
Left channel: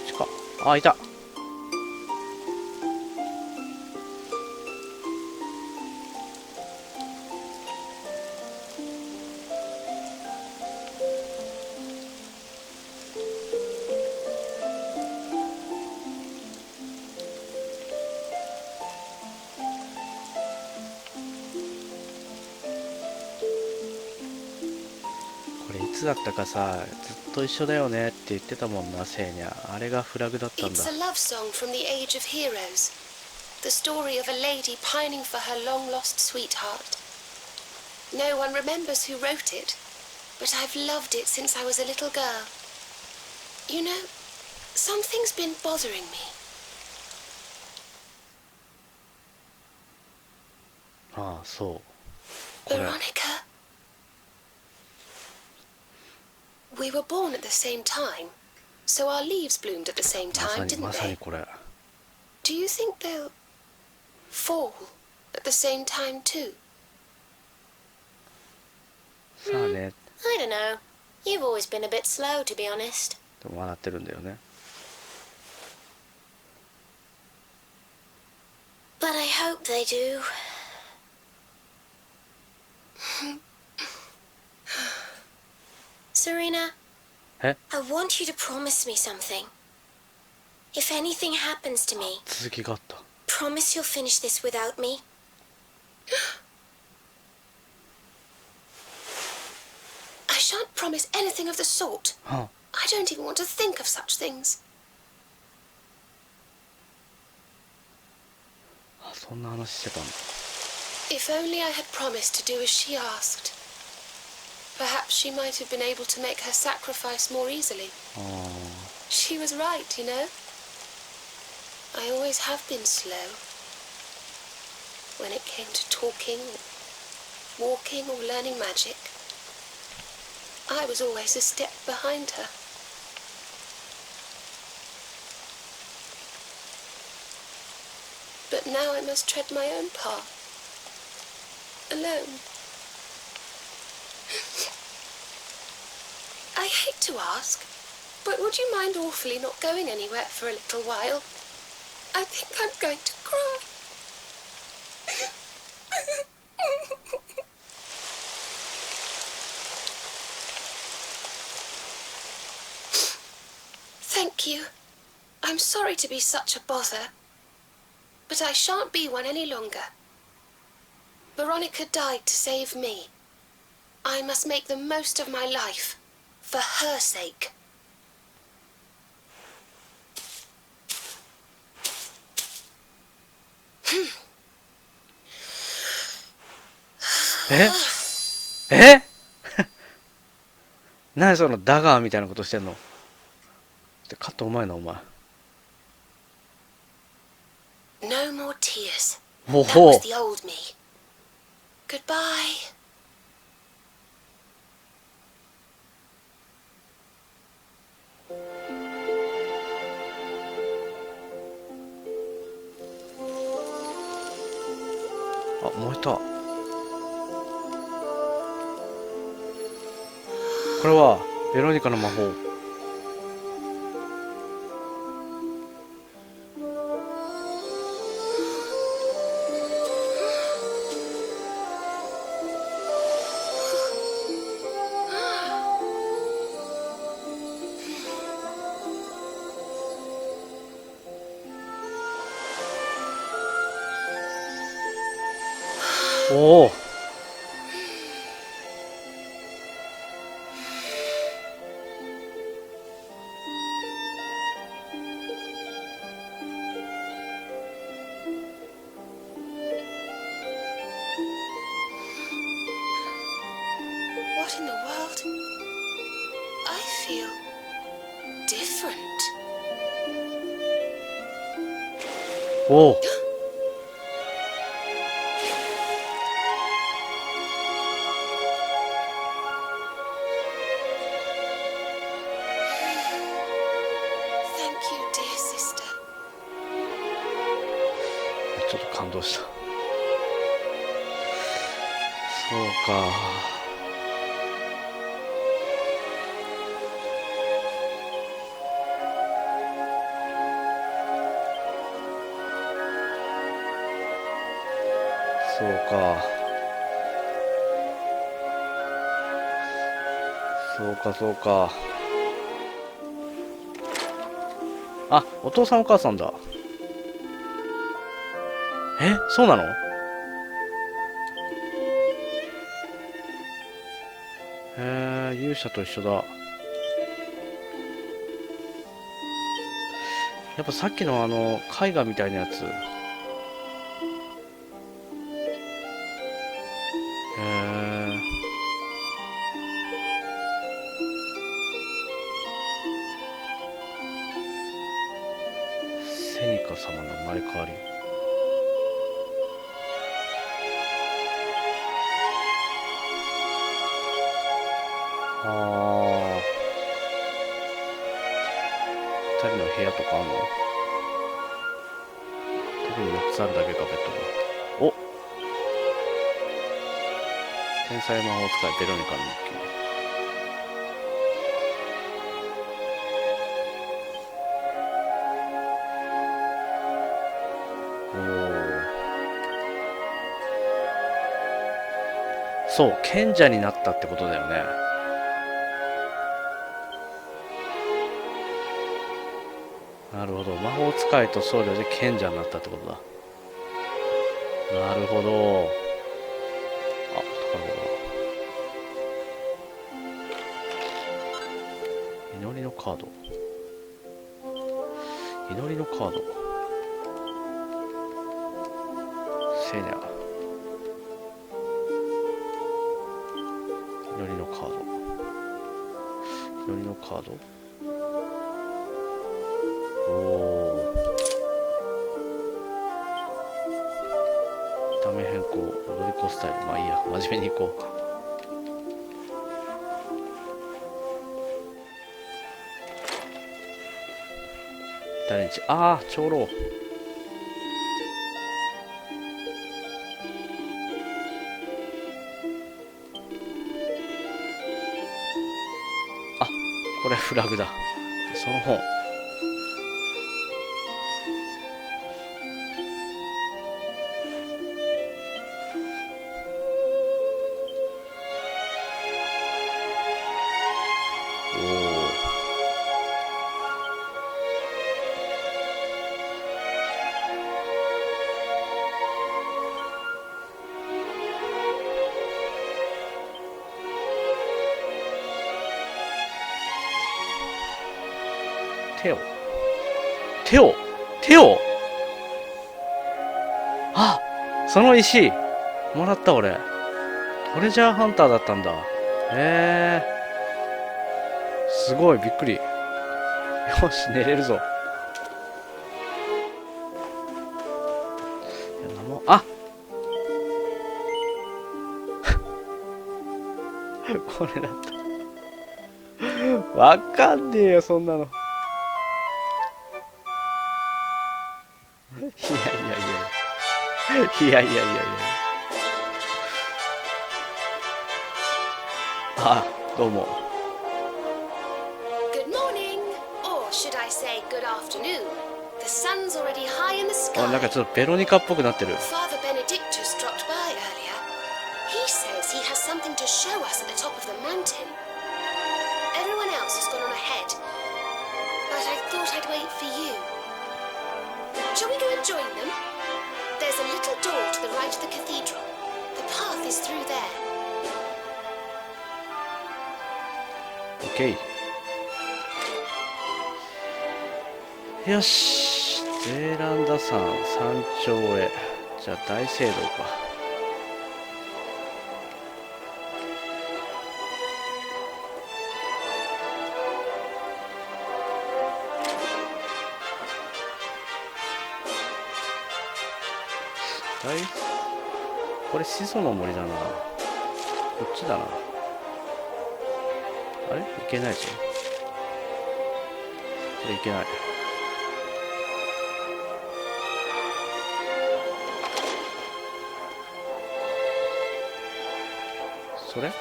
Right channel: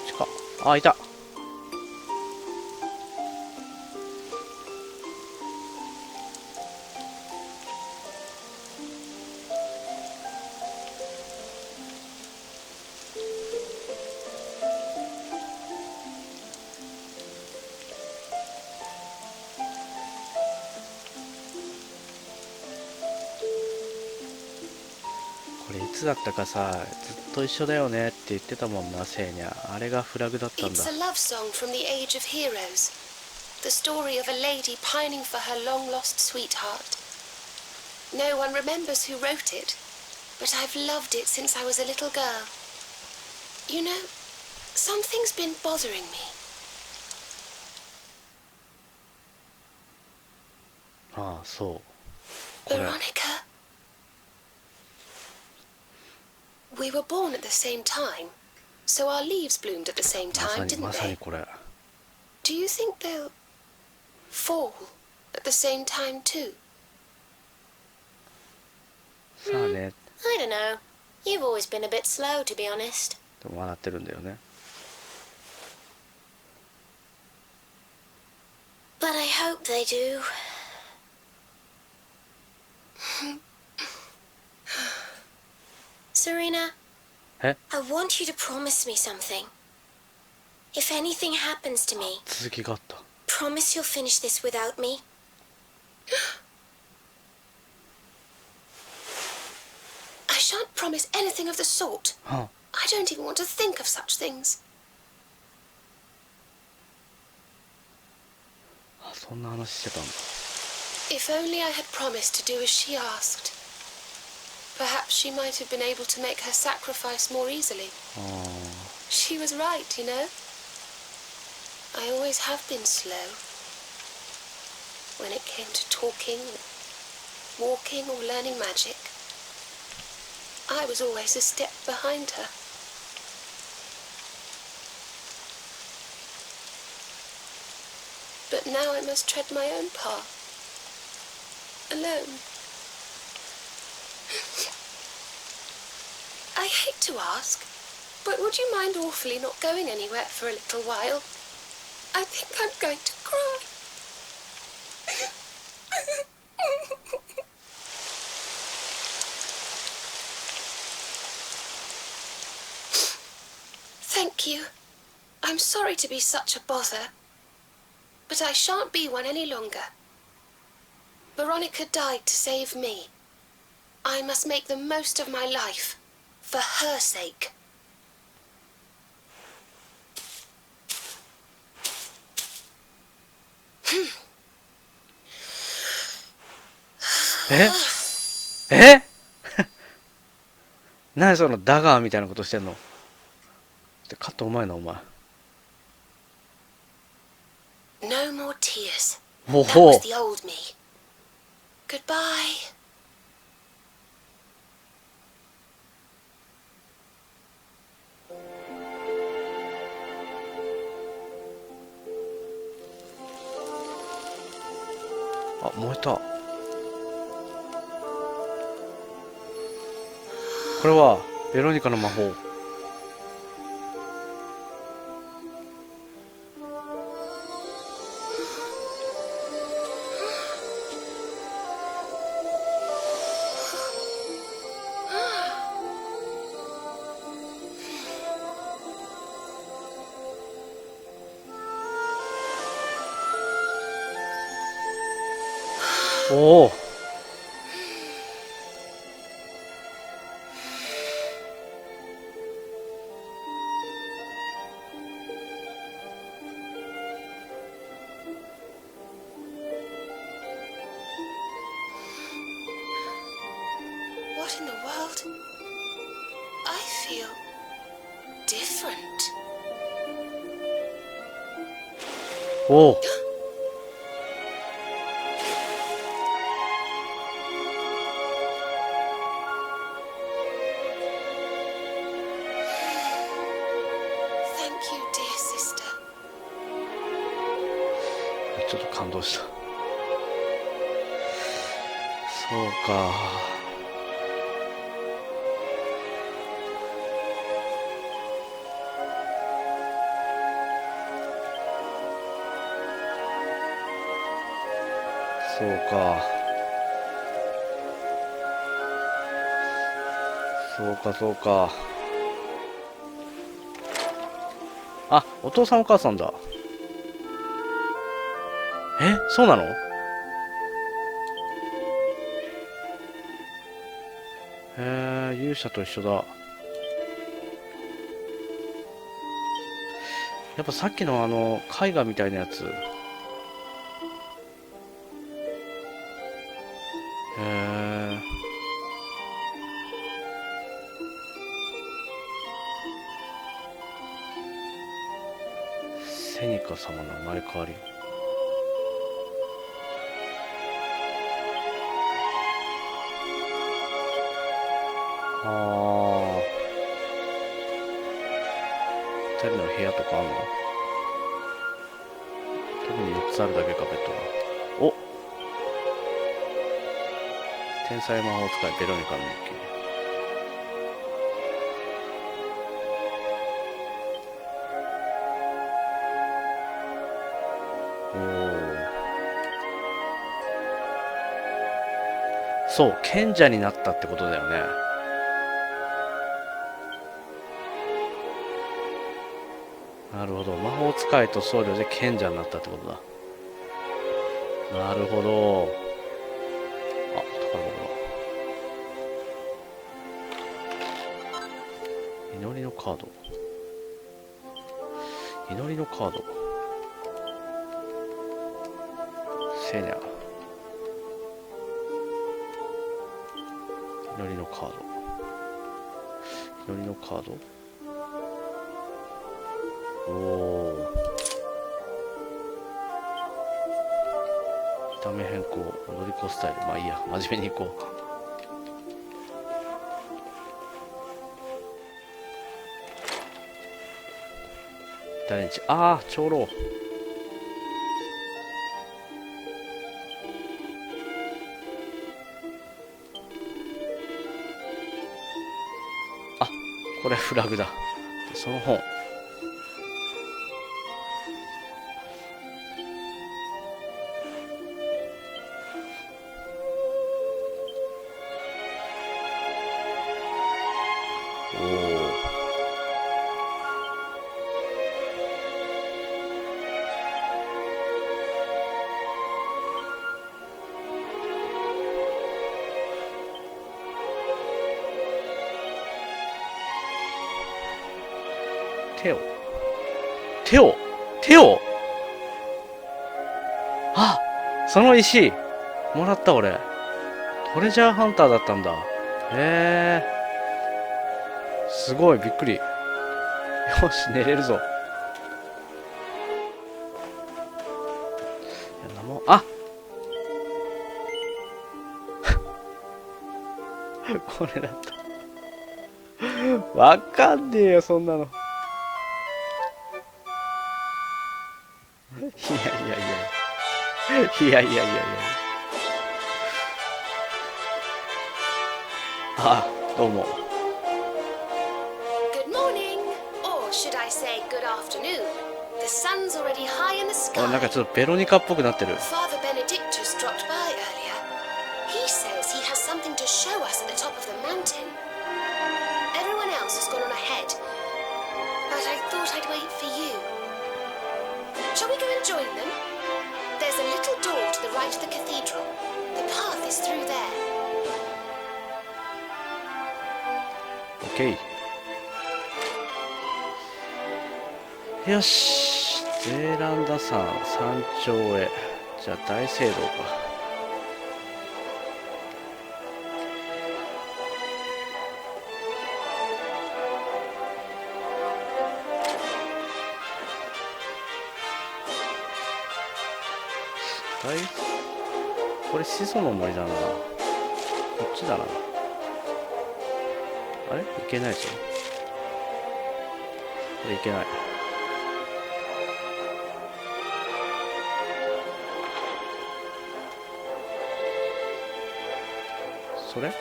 っちか。あ、いた。これいつだったかさ、ずっと一緒だよねって言ってたもんな、セイニャ。あれがフラグだったんだ。 It's a love song from the Age of Heroes. The story of a lady pining for her long-lost sweetheart. No one remembers who wrote it, but I've loved it since I was a little girl. You know, something's been bothering me. ああ、そう。これ。 Veronica, we were born at the same time, so our leaves bloomed at the same まさ time, に didn't まさ they? にこれ。 Do you think they'll fall at the same time too? さあね。 I don't know. You've always been a bit slow, to be honest. でも笑ってるんだよね。 But I hope they do. Serena, え、 I want you to promise me something. If anything happens to me, 続きがあった。 promise you'll finish this without me. I shan't promise anything of the sort. は I don't even want to think of such things. あ、そんな話してたんだ。 If only I had promised to do as she asked. Perhaps she might have been able to make her sacrifice more easily. ああ、 She was right, you know. I always have been slow. When it came to talking, or walking, or learning magic, I was always a step behind her. But now I must tread my own path. Alone. I hate to ask, but would you mind awfully not going anywhere for a little while? I think I'm going to cry. Thank you. I'm sorry to be such a bother, but I shan't be one any longer. Veronica died to save me. I must make the most of my life, for her sake. ええ何そのダガーみたいなことしてんの。でカットうまいなお前。 No more tears. ほ That ほ was the old me. Goodbye. あ、燃えた。これはベロニカの魔法。おお。What in the world? I feel different. おお。 Thank you, dear sister. ちょっと感動した。そうか。そうか。そうかそうか。あ、お父さんお母さんだ。え、そうなの？へえ、勇者と一緒だ。やっぱさっきの絵画みたいなやつ。へえ。フェニカ様の生まれ変わり。ああ、2人の部屋とかあんの？特に4つあるだけか、ベッドが。お、天才魔法使いベロニカの日記。おお、そう、賢者になったってことだよね。なるほど、魔法使いと僧侶で賢者になったってことだ。なるほど。あ、宝箱だ。祈りのカード。祈りのカード。セニャ。祈りのカード。祈りのカード。おお。見た目変更、踊り子スタイル。まあいいや、真面目に行こう。ダレンチ。ああ、長老。あ、これフラグだ。でその本。おお。手をあ、その石もらった俺。トレジャーハンターだったんだ。へえ、すごいびっくり。よし、寝れるぞ。あこれだった。わかんねえよ、そんなの。いやいやいやいやいやいやいやいや。あ、どうも。Good morning, or should I say good afternoon? The sun's already high in the あ、なん sky. かちょっとベロニカっぽくなってる。 Father Benedictus dropped by earlier. He says he has something to show us at the top of the mountain. Everyone else has gone on ahead, but I thought I'd wait for you. Shall we go and join them? There's a little door to the right of the cathedral. The path is through there. オッケー。よし、ゼーランダ山山頂へ。じゃあ大聖堂か。これ始祖の森だな。こっちだな。あれいけないぞ。これいけない。それ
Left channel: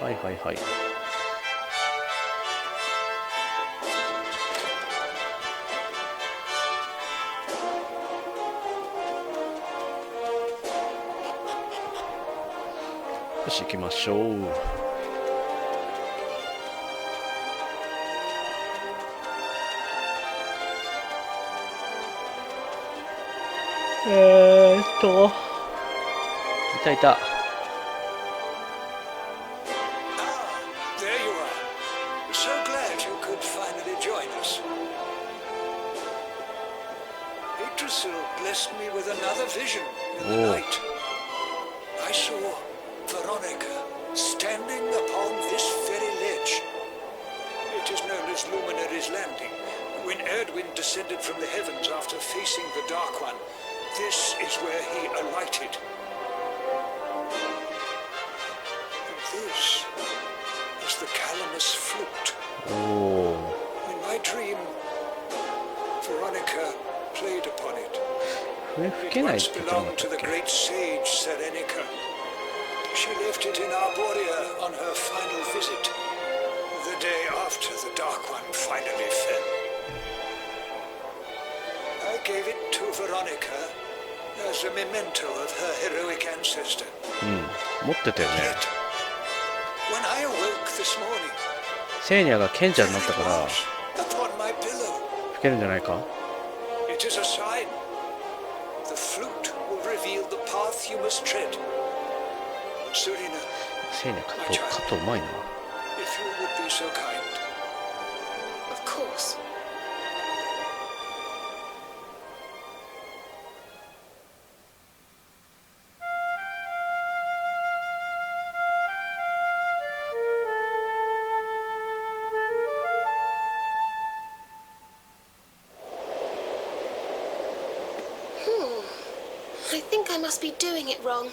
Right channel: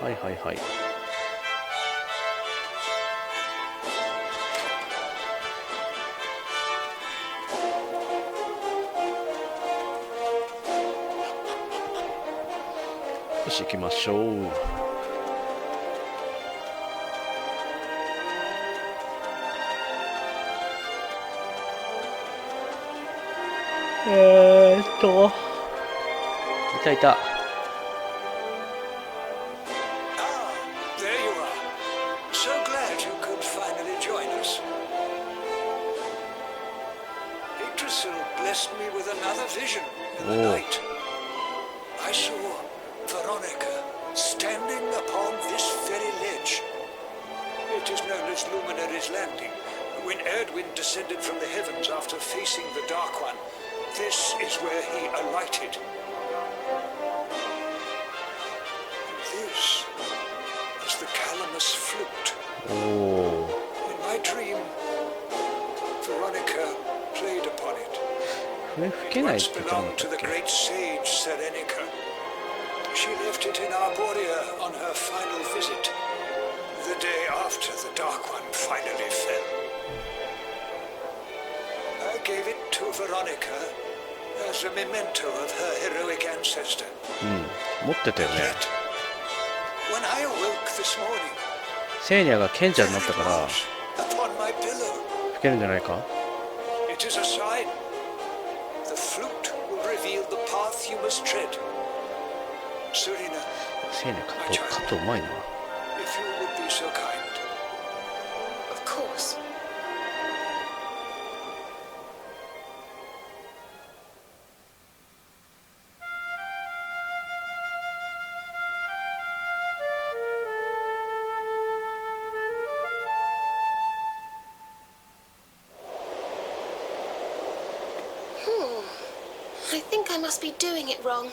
はいはいはい。よし、行きましょう。いたいた。Ah, there you are. So glad you could finally join us. Yggdrasil blessed me with another vision in the night. I saw Veronica standing upon this very ledge. It is known as Luminary's Landing. When Erdwin descended from the heavens after facing the Dark One, this is where he alighted. And this is the Calamus flute. おお。 In my dream, Veronica played upon it. 笛吹 It けないっ once て言ってなかっ belonged た to っ the け？ great sage Serenica. She left it in Arborea on her final visit, the day after the Dark One finally fell. I gave it to Veronica as a memento of her heroic ancestor. うん。持ってたよね。 Yet, when I awoke this morning, セーニャが賢者 there になった it から was upon my pillow. 吹けるんじゃないか？ It is a sign. The flute will reveal the path you must tread. Serena, セーニャカットうまいな。 if you would be so kind. Of course. I think I must be doing it wrong.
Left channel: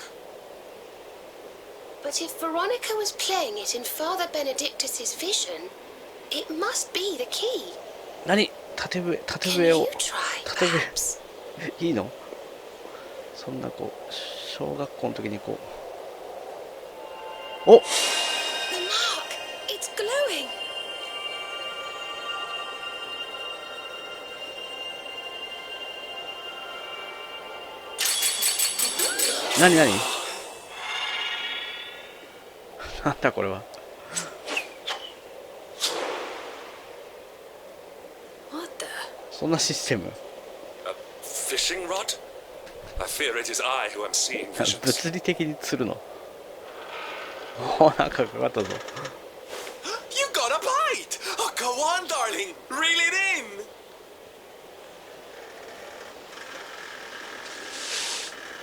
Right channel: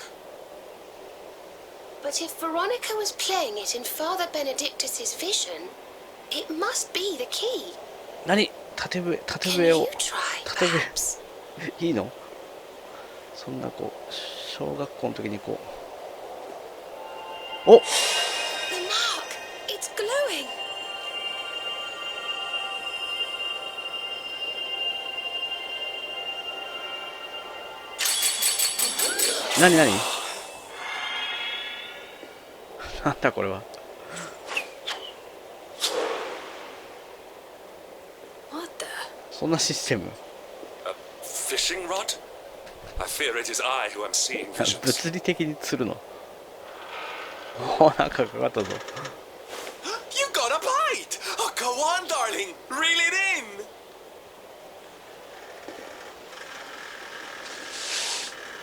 But if Veronica was playing it in Father Benedictus's vision, it must be the key. 何？縦笛 Can you を try, 縦笛 perhaps? いいの？そんなこう小学校の時にこう。お。 The mark! It's glowing! 何何？なんだこれは。 What the? そんなシステム。 A fishing rod? I fear it is I who am seeing visions. 物理的に釣るの。おなんかかかったぞ。 You got a bite! Oh, go on, darling. Reel it in.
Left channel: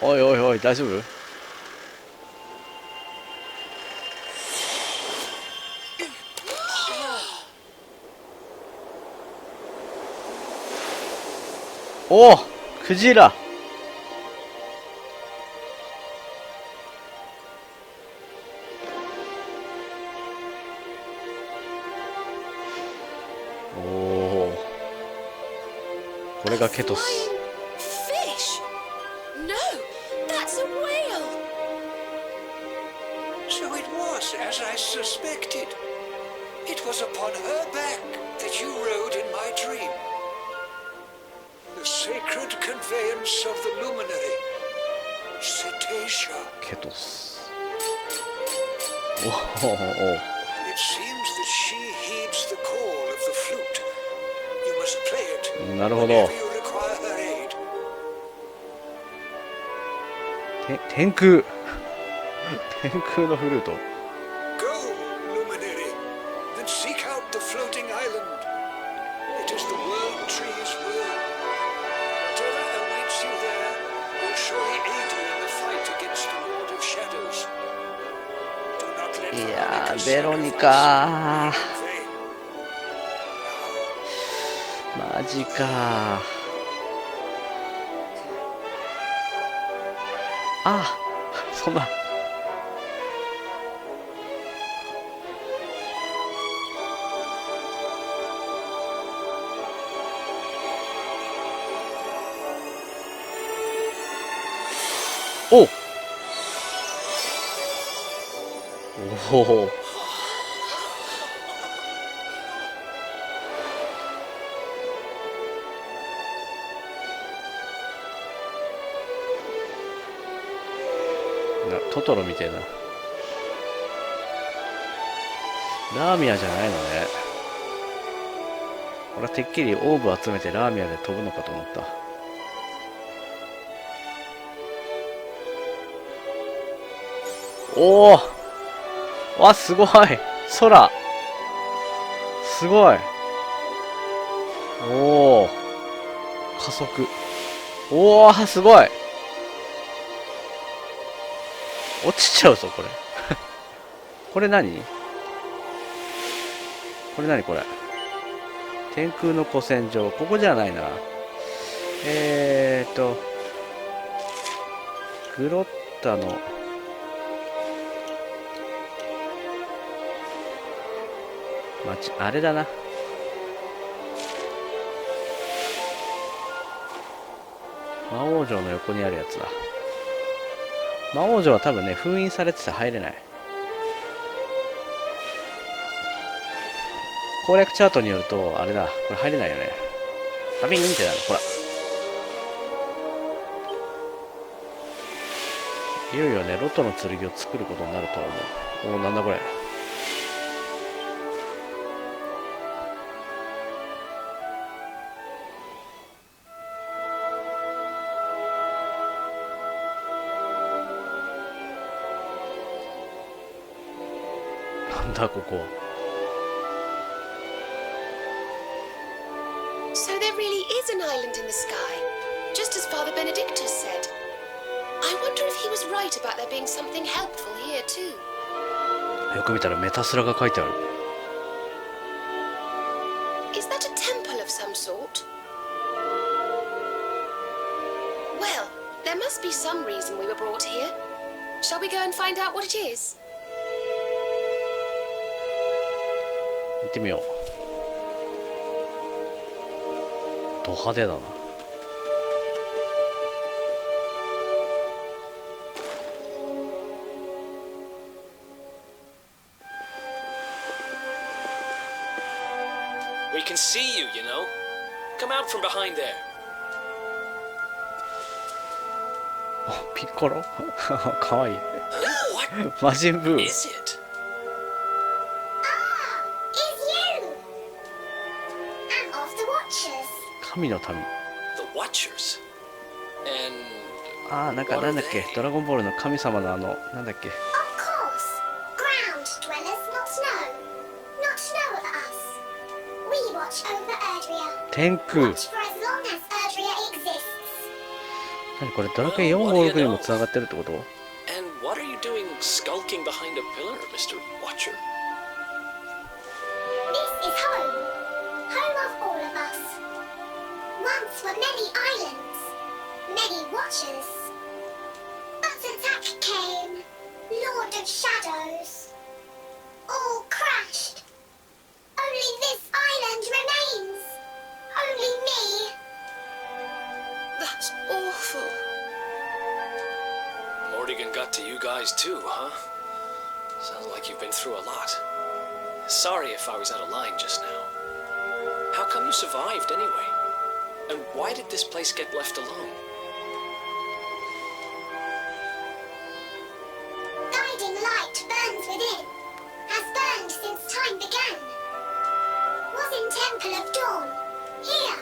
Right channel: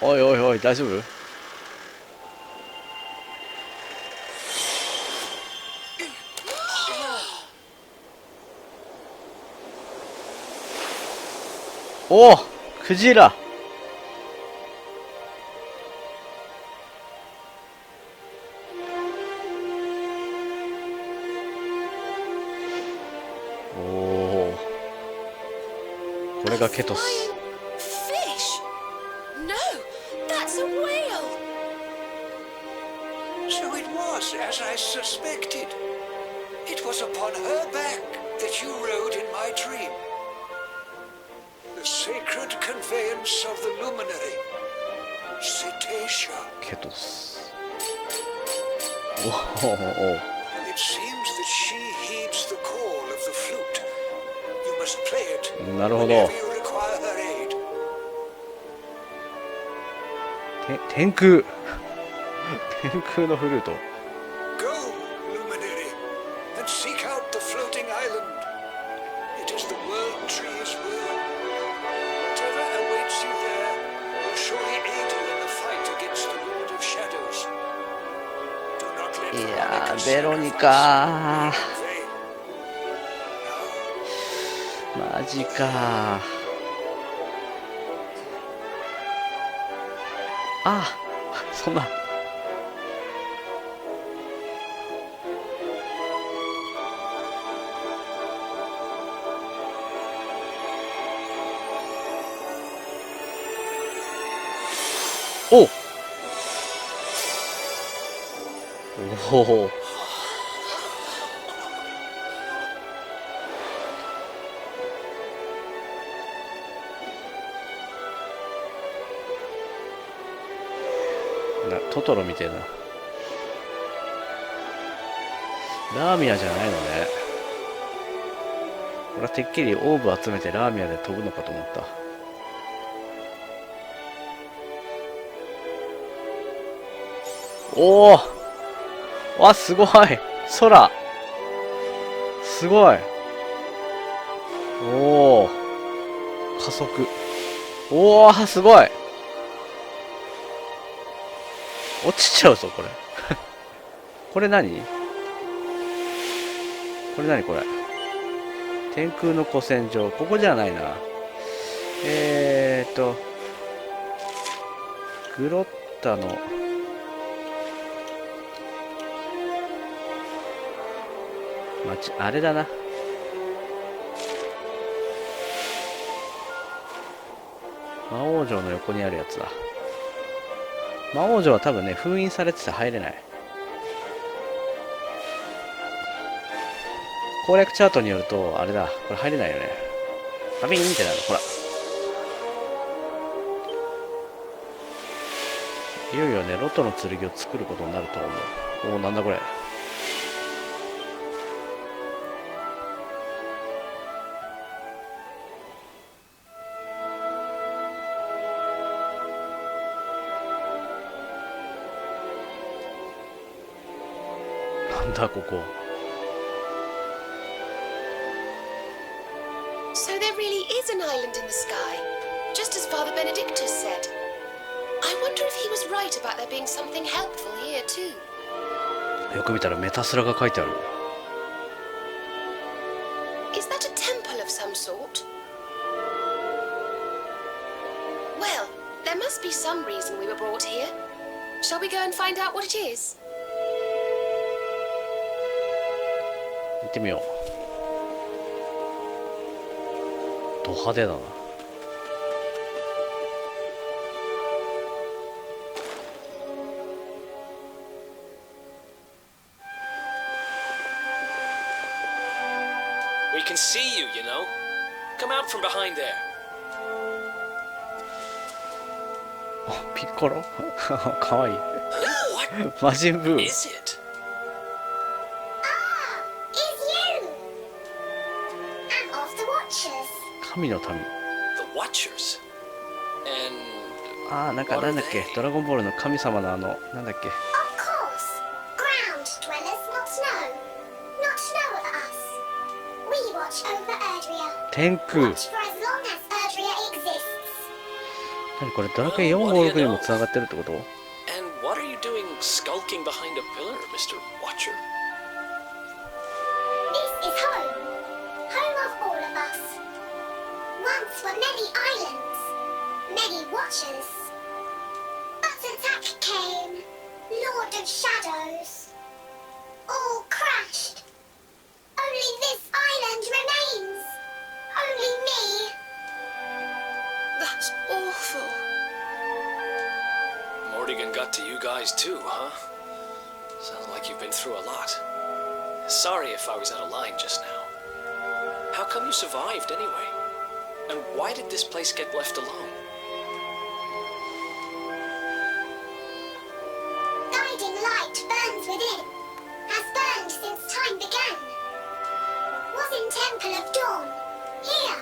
おいおいおい、大丈夫？おお、クジラ。おお、これがケトス。 Flying fish? No, that's a whale. So it was as I suspected. It was upon her back that you rode in my dream. The sacred conveyance of the luminary, Cetacea. ケトス。おおおお。 It seems that she heeds the call of the flute. You must play it なるほど。 whenever you require her aid. 天空天空のフルート。 Go, luminary, and seek out the floating island. It is the world tree's will. Whatever awaits you there will surely aid you in the fight against the Lord of Shadows. Do not let いや Veronica's ー、ベロニ sacrifice カ be in vain. マジかあ、そんな。おおお。トトロみたいな。ラーミアじゃないのね。俺はてっきりオーブ集めてラーミアで飛ぶのかと思った。おお、わ、すごい。空すごい。おお、加速。おお、すごい。落ちちゃうぞこれこれ何？これ何これ。天空の古戦場。ここじゃないな。グロッタの町、あれだな。魔王城の横にあるやつだ。魔王城は多分ね、封印されてて入れない。攻略チャートによると、あれだ、これ入れないよね。バビーンってなる、ほら。いよいよね、ロトの剣を作ることになると思う。おお、なんだこれ。なんだここは。So there really is an island in the sky, just as Father Benedictus said. I wonder if he was right about there being something helpful here too. よく見たらメタスラが書いてある。Is that a temple of some sort? Well, there must be some reason we were brought here. Shall we go and find out what it is? 行ってみよう。ド派手だな。We can see you, you know. Come out from behind there. ピッコロかわいい。 What 魔人ブー。 is it?神の民。 The Watchers. And ああ、なんかなんだっけ、ドラゴンボールの神様のなんだっけ。 Of course. Ground dwellers not snow. Not snow of us. We watch over Erdrea. 天空。 Watch for as long as Erdrea exists. 何これ、ドラクエ456にもつながってるってこと？ and what are you doing skulking behind a pillar, Mr. Watcher? This is home. Home of all of us. Once were many islands. Many watchers. But attack came. Lord of Shadows. All crashed. Only this island remains. Only me. That's awful. Morrigan got to you guys too, huh? Sounds like you've been through a lot. Sorry if I was out of line just now. How come you survived anyway? And why did this place get left alone? Guiding light burns within. Has burned since time began. Was in Temple of Dawn. Here.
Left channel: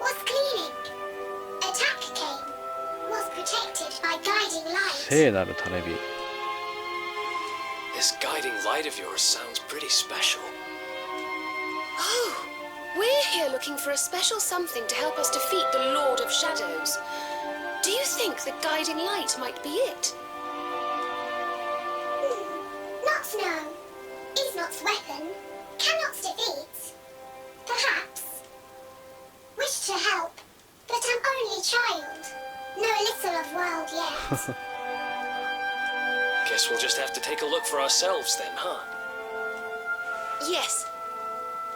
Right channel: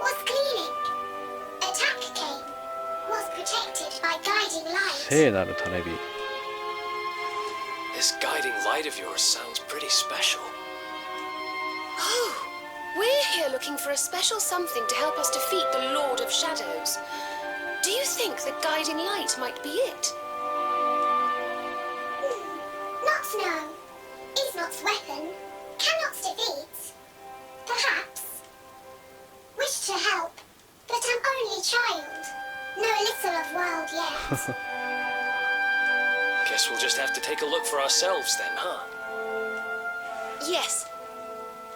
Was cleaning. Attack came. Was protected by guiding light. 聖なる種火。 This guiding light of yours sounds pretty special. Oh, we're here looking for a special something to help us defeat the Lord of Shadows. Do you think the guiding light might be it? Not know. Is not weapon. Cannot defeat. Perhaps. Wish to help. But I'm only child. Know little of world yet. Guess we'll just have to take a look for ourselves then, huh? Yes.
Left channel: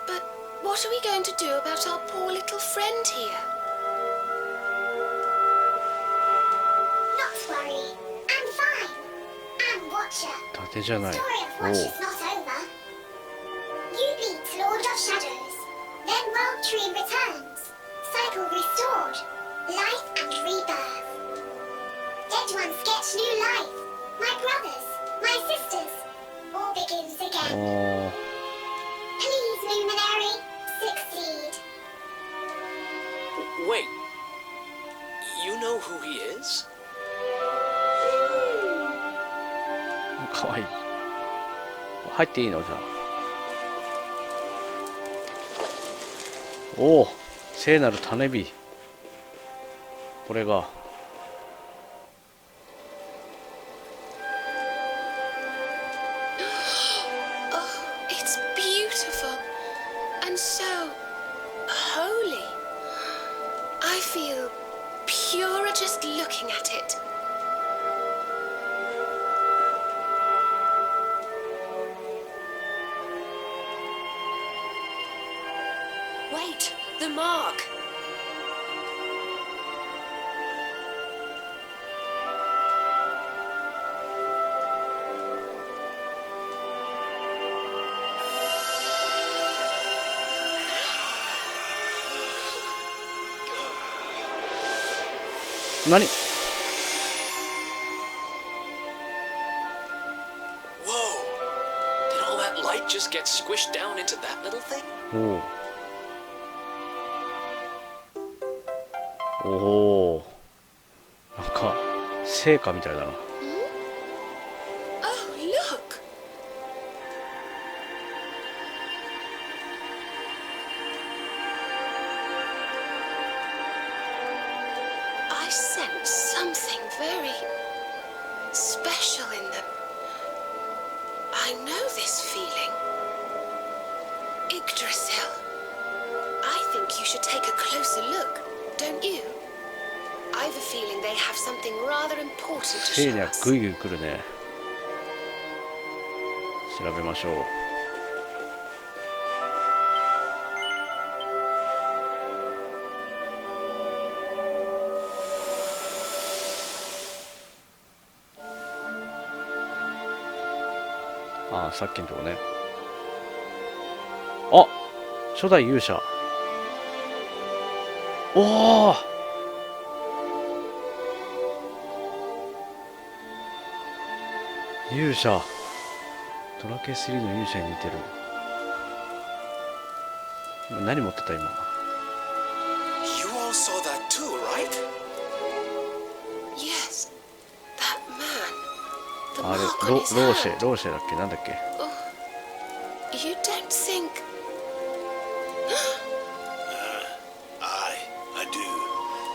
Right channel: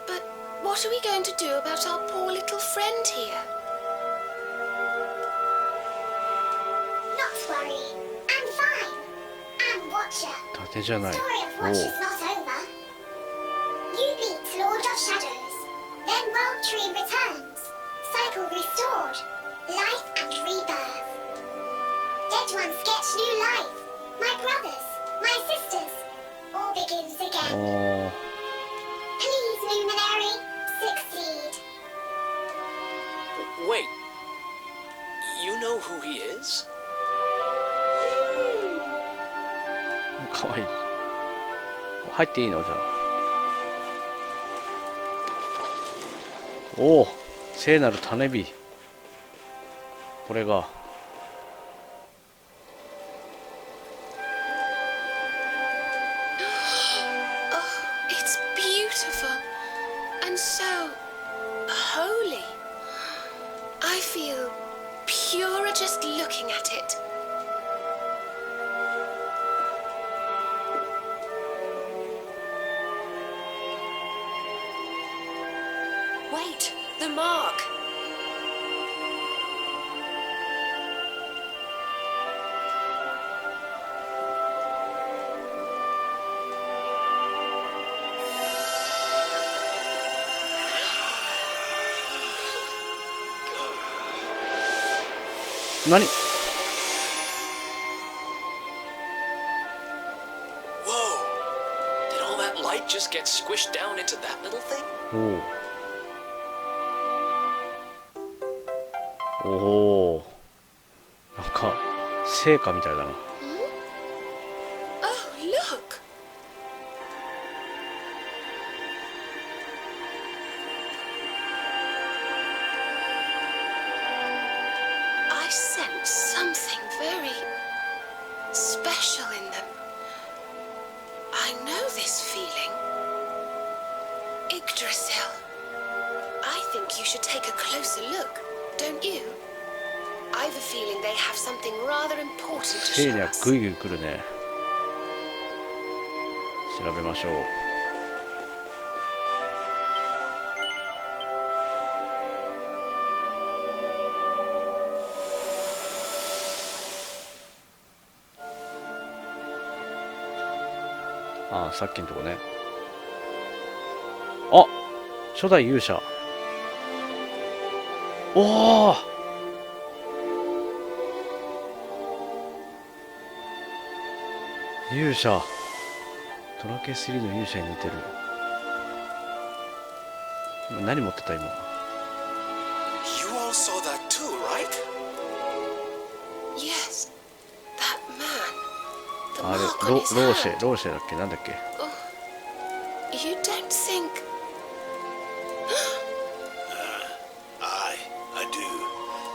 But what are we going to do about our poor little friend here? Not worry. I'm fine. I'm Watcher. 盾じゃない。 Story of お Watch お。 is not over. You beat Lord of Shadows. Then World Tree returns. Cycle restored. Life and rebirth. Dead ones get new life. My brothers, my sisters. All begins お again. お。 Please, Luminary, succeed. Wait. You know who he is? かわいい。入っていいのじゃあ。おお、聖なる種火。これが。Oh, it's beautiful. and so holy. I feel purer just looking at it. Wait, the mark. Nani? Whoa! Did all that light just get squished down into that little thing? おお。なんか聖火みたいだな。Oh, look. I sense something very special in them. I know this feeling. Yggdrasil. I think you should take a closer look, don't you? I've a feeling they have something rather important to 聖に show は us. グイグイ来るね。調べましょう。ああ、さっきのとこね。あ、初代勇者。おお。勇者。ドラケ3の勇者に似てる。今何持ってた今。You all saw that too, right? Yes, that man. The あれ、 mark ロ on his ーシ hand. ェ、ローシェだっけなんだっけ。 Oh, you don't think? Aye, I do.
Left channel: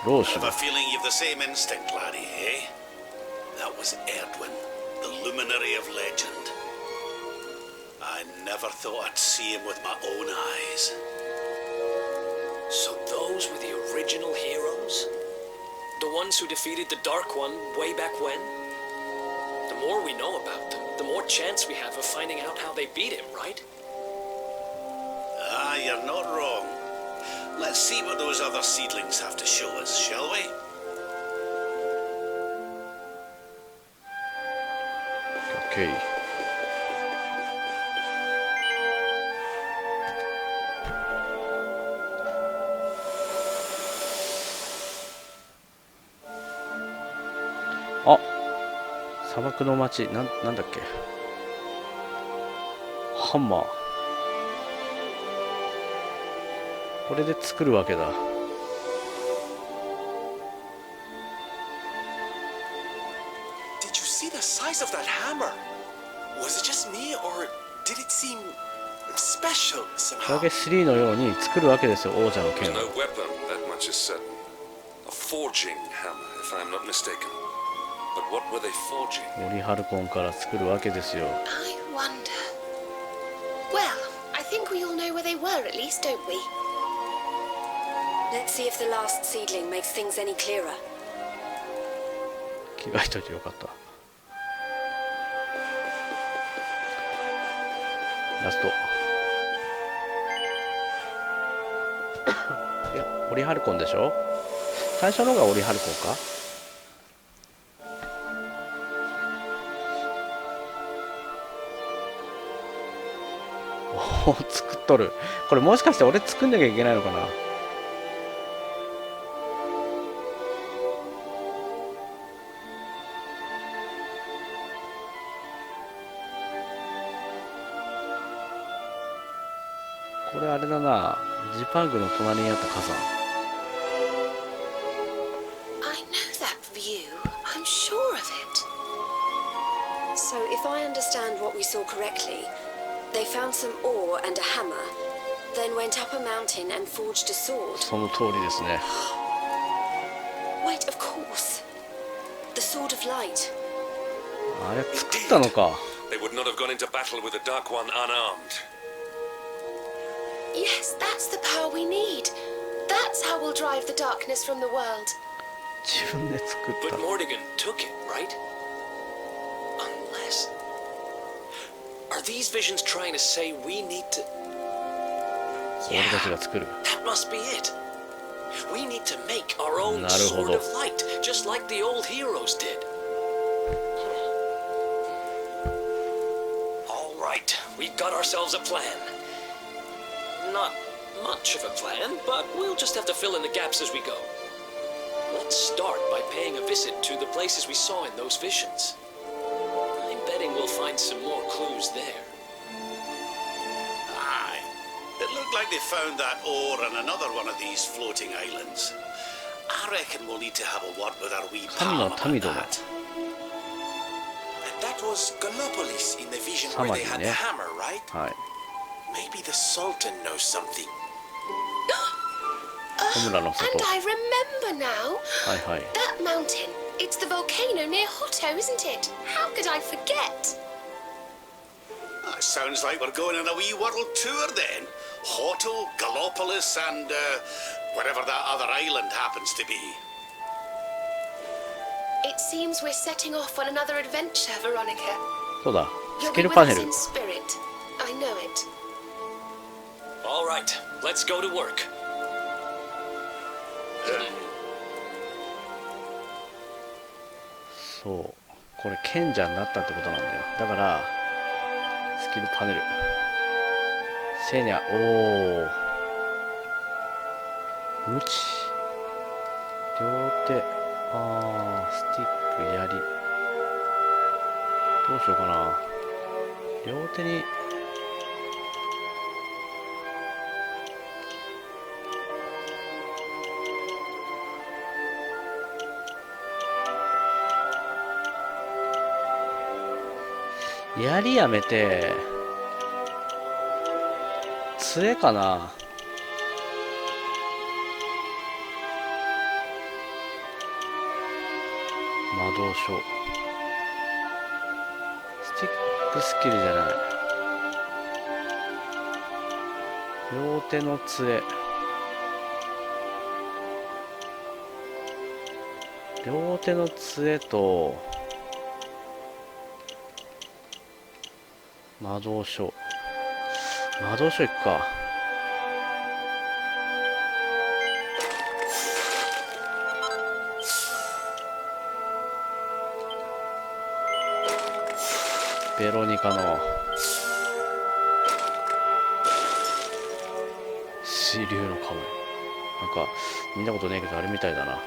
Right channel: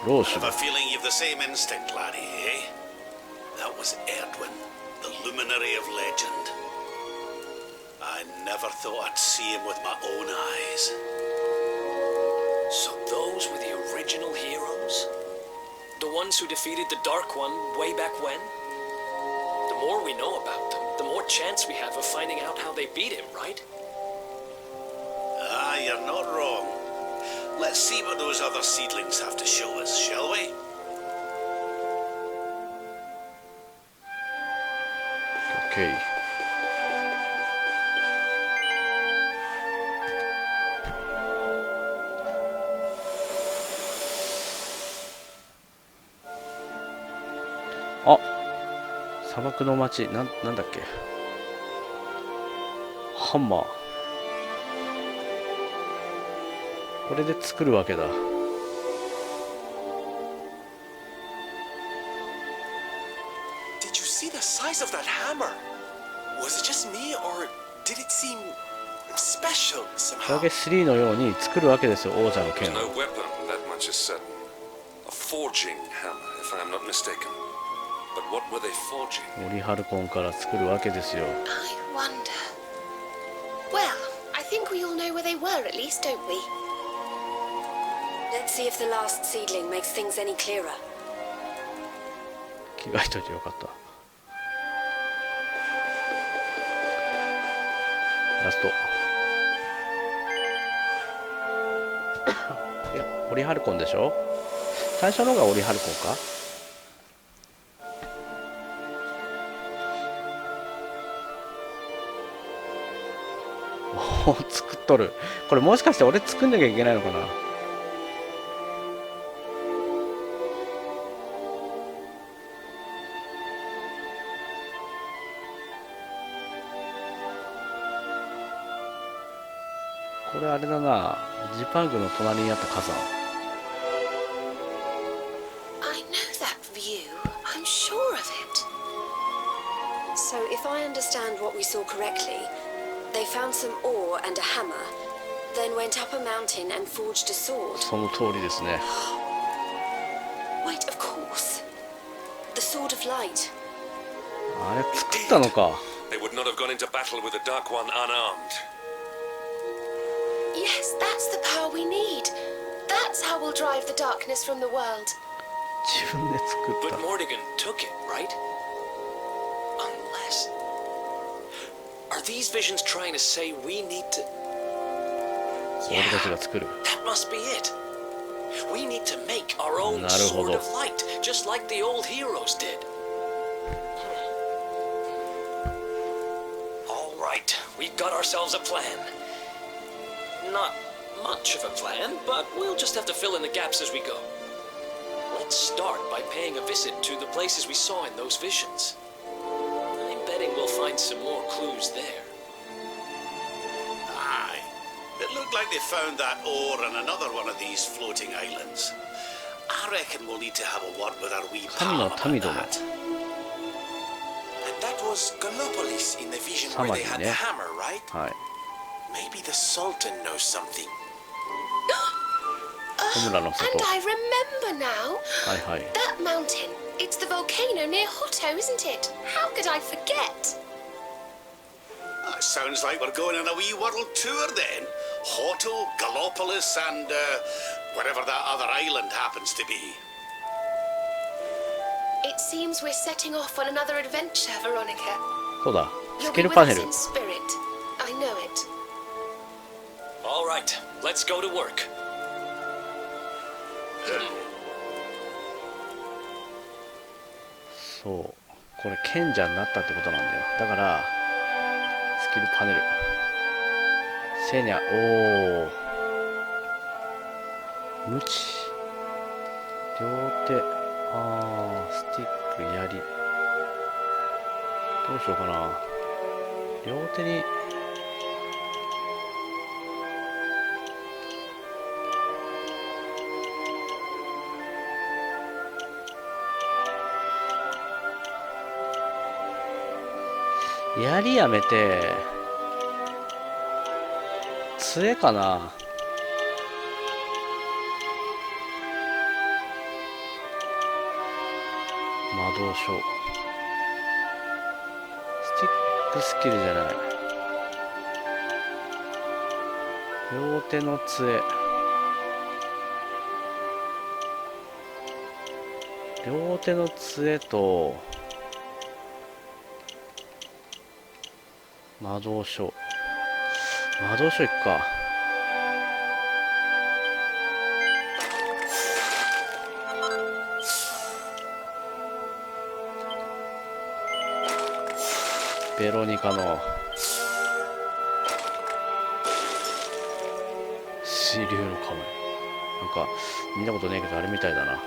ロー I シェ have だ a。feeling you've the same instinct, laddie, eh? That was Erdwin, the luminary of legend. I never thought I'd see him with my own eyes. So those were the original heroes? The ones who defeated the Dark One way back when? The more we know about them, the more chance we have of finding out how they beat him, right? Ah, you're not wrong. Let's see what those other seedlings have to show us, shall we? OK。あ、砂漠の町、なんだっけ。ハンマー。これで作るわけだ。Did you see the size of that hammer? Was it just me, or did it seem special ドラ somehow? ケ3のように作るわけですよ、王者の It was 剣を。 no weapon, that much is certain. A forging hammer, if I am not mistaken. But what were they forging? オリハルコンから作るわけですよ。 I wonder. Well, I think we all know where they were at least, don't we? Let's see if the last seedling makes things any clearer. 着替えといてよかった。ラスト。いや、オリハルコンでしょ。最初のがオリハルコンか。おお、作っとる。これもしかして俺作んなきゃいけないのかな。これあれだな、ジパングの隣にあった火山。 I know that view. I'm sure of it. So, if I understand what we saw correctly, they found some ore and a hammer, then went up a mountain and forged a sword. その通りですね。 Wait, of course. The Sword of Light. あれ作ったのか。 They would not have gone into battle with the Dark One unarmed. Yes, that's the power we need. That's how we'll drive the darkness from the world. 自分で作った。 But Mordigan took it, right? Unless... Are these visions trying to say we need to... 俺たちが作る。 That must be it. We need to make our own なるほ sword ど。 of light, just like the old heroes did. All right, we've got ourselves a plan. Not much of a plan, but we'll just have to fill in the gaps as we go. Let's start by paying a visit to the places we saw in those visions. I'm betting we'll find some more clues there. Aye. It looked like they found that ore on another one of these floating islands. I reckon we'll need to have a word with our wee 神 pal の about 民ども。 that. And that was Gallopolis in the vision サ where マ they リ had ね。 the hammer, right? はい。 Maybe the Sultan knows something. ホムラの里。 And I remember now. はいはい。 That mountain. It's the volcano near Hotto, isn't it? How could I forget? That sounds like we're going on a wee world tour then. Hotto, Gallopolis, and wherever that other island happens to be. It seems we're setting off on another adventure, Veronica. そうだ。 You'll スキ be ル with パネ us ル。 in spirit. I know it. All right, let's go to work. そう。これ賢者になったってことなんだよ。だから、スキルパネル。セーニャ、おー。無知。両手。スティック、槍。どうしようかな。両手に。槍やめて、杖かな。魔導書。スティックスキルじゃない。両手の杖。両手の杖と、魔導書。魔導書行くか。ベロニカの支流の構え。なんか見たことねえけどあれみたいだな。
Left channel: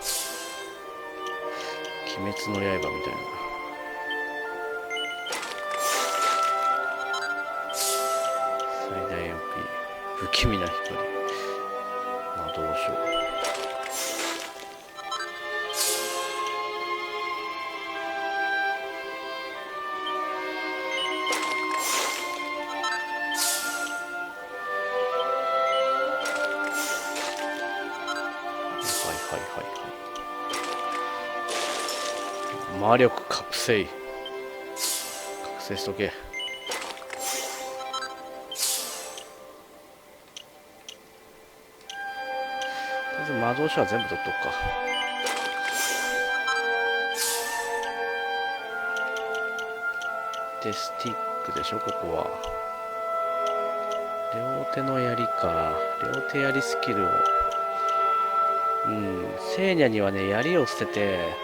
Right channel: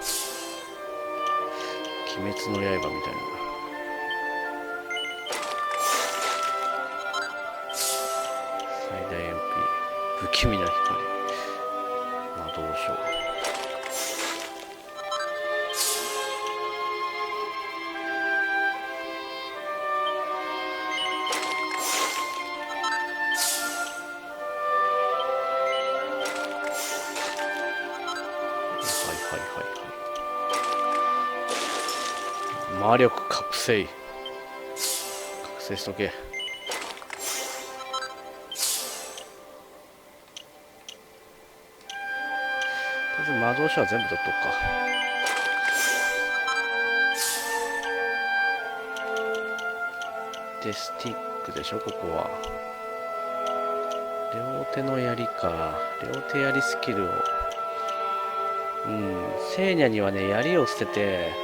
鬼滅の刃みたいな。最大 MP 不気味な光。魔導書。はいはいはいはい。魔力覚醒。覚醒しとけ。とりあえず魔導書は全部取っとくか。で、スティックでしょ、ここは。両手の槍か。両手槍スキルを。セーニャにはね、槍を捨てて、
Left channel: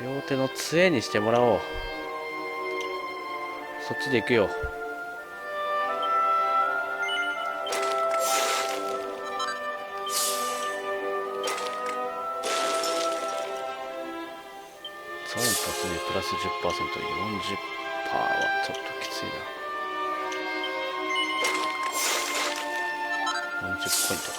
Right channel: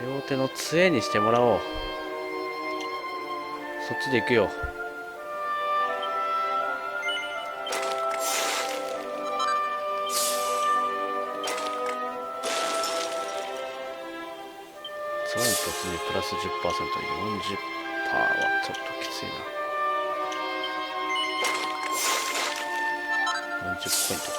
両手の杖にしてもらおう。そっちで行くよ。ゾーン突入プラス 10%、40% はちょっときついな。40ポイントか。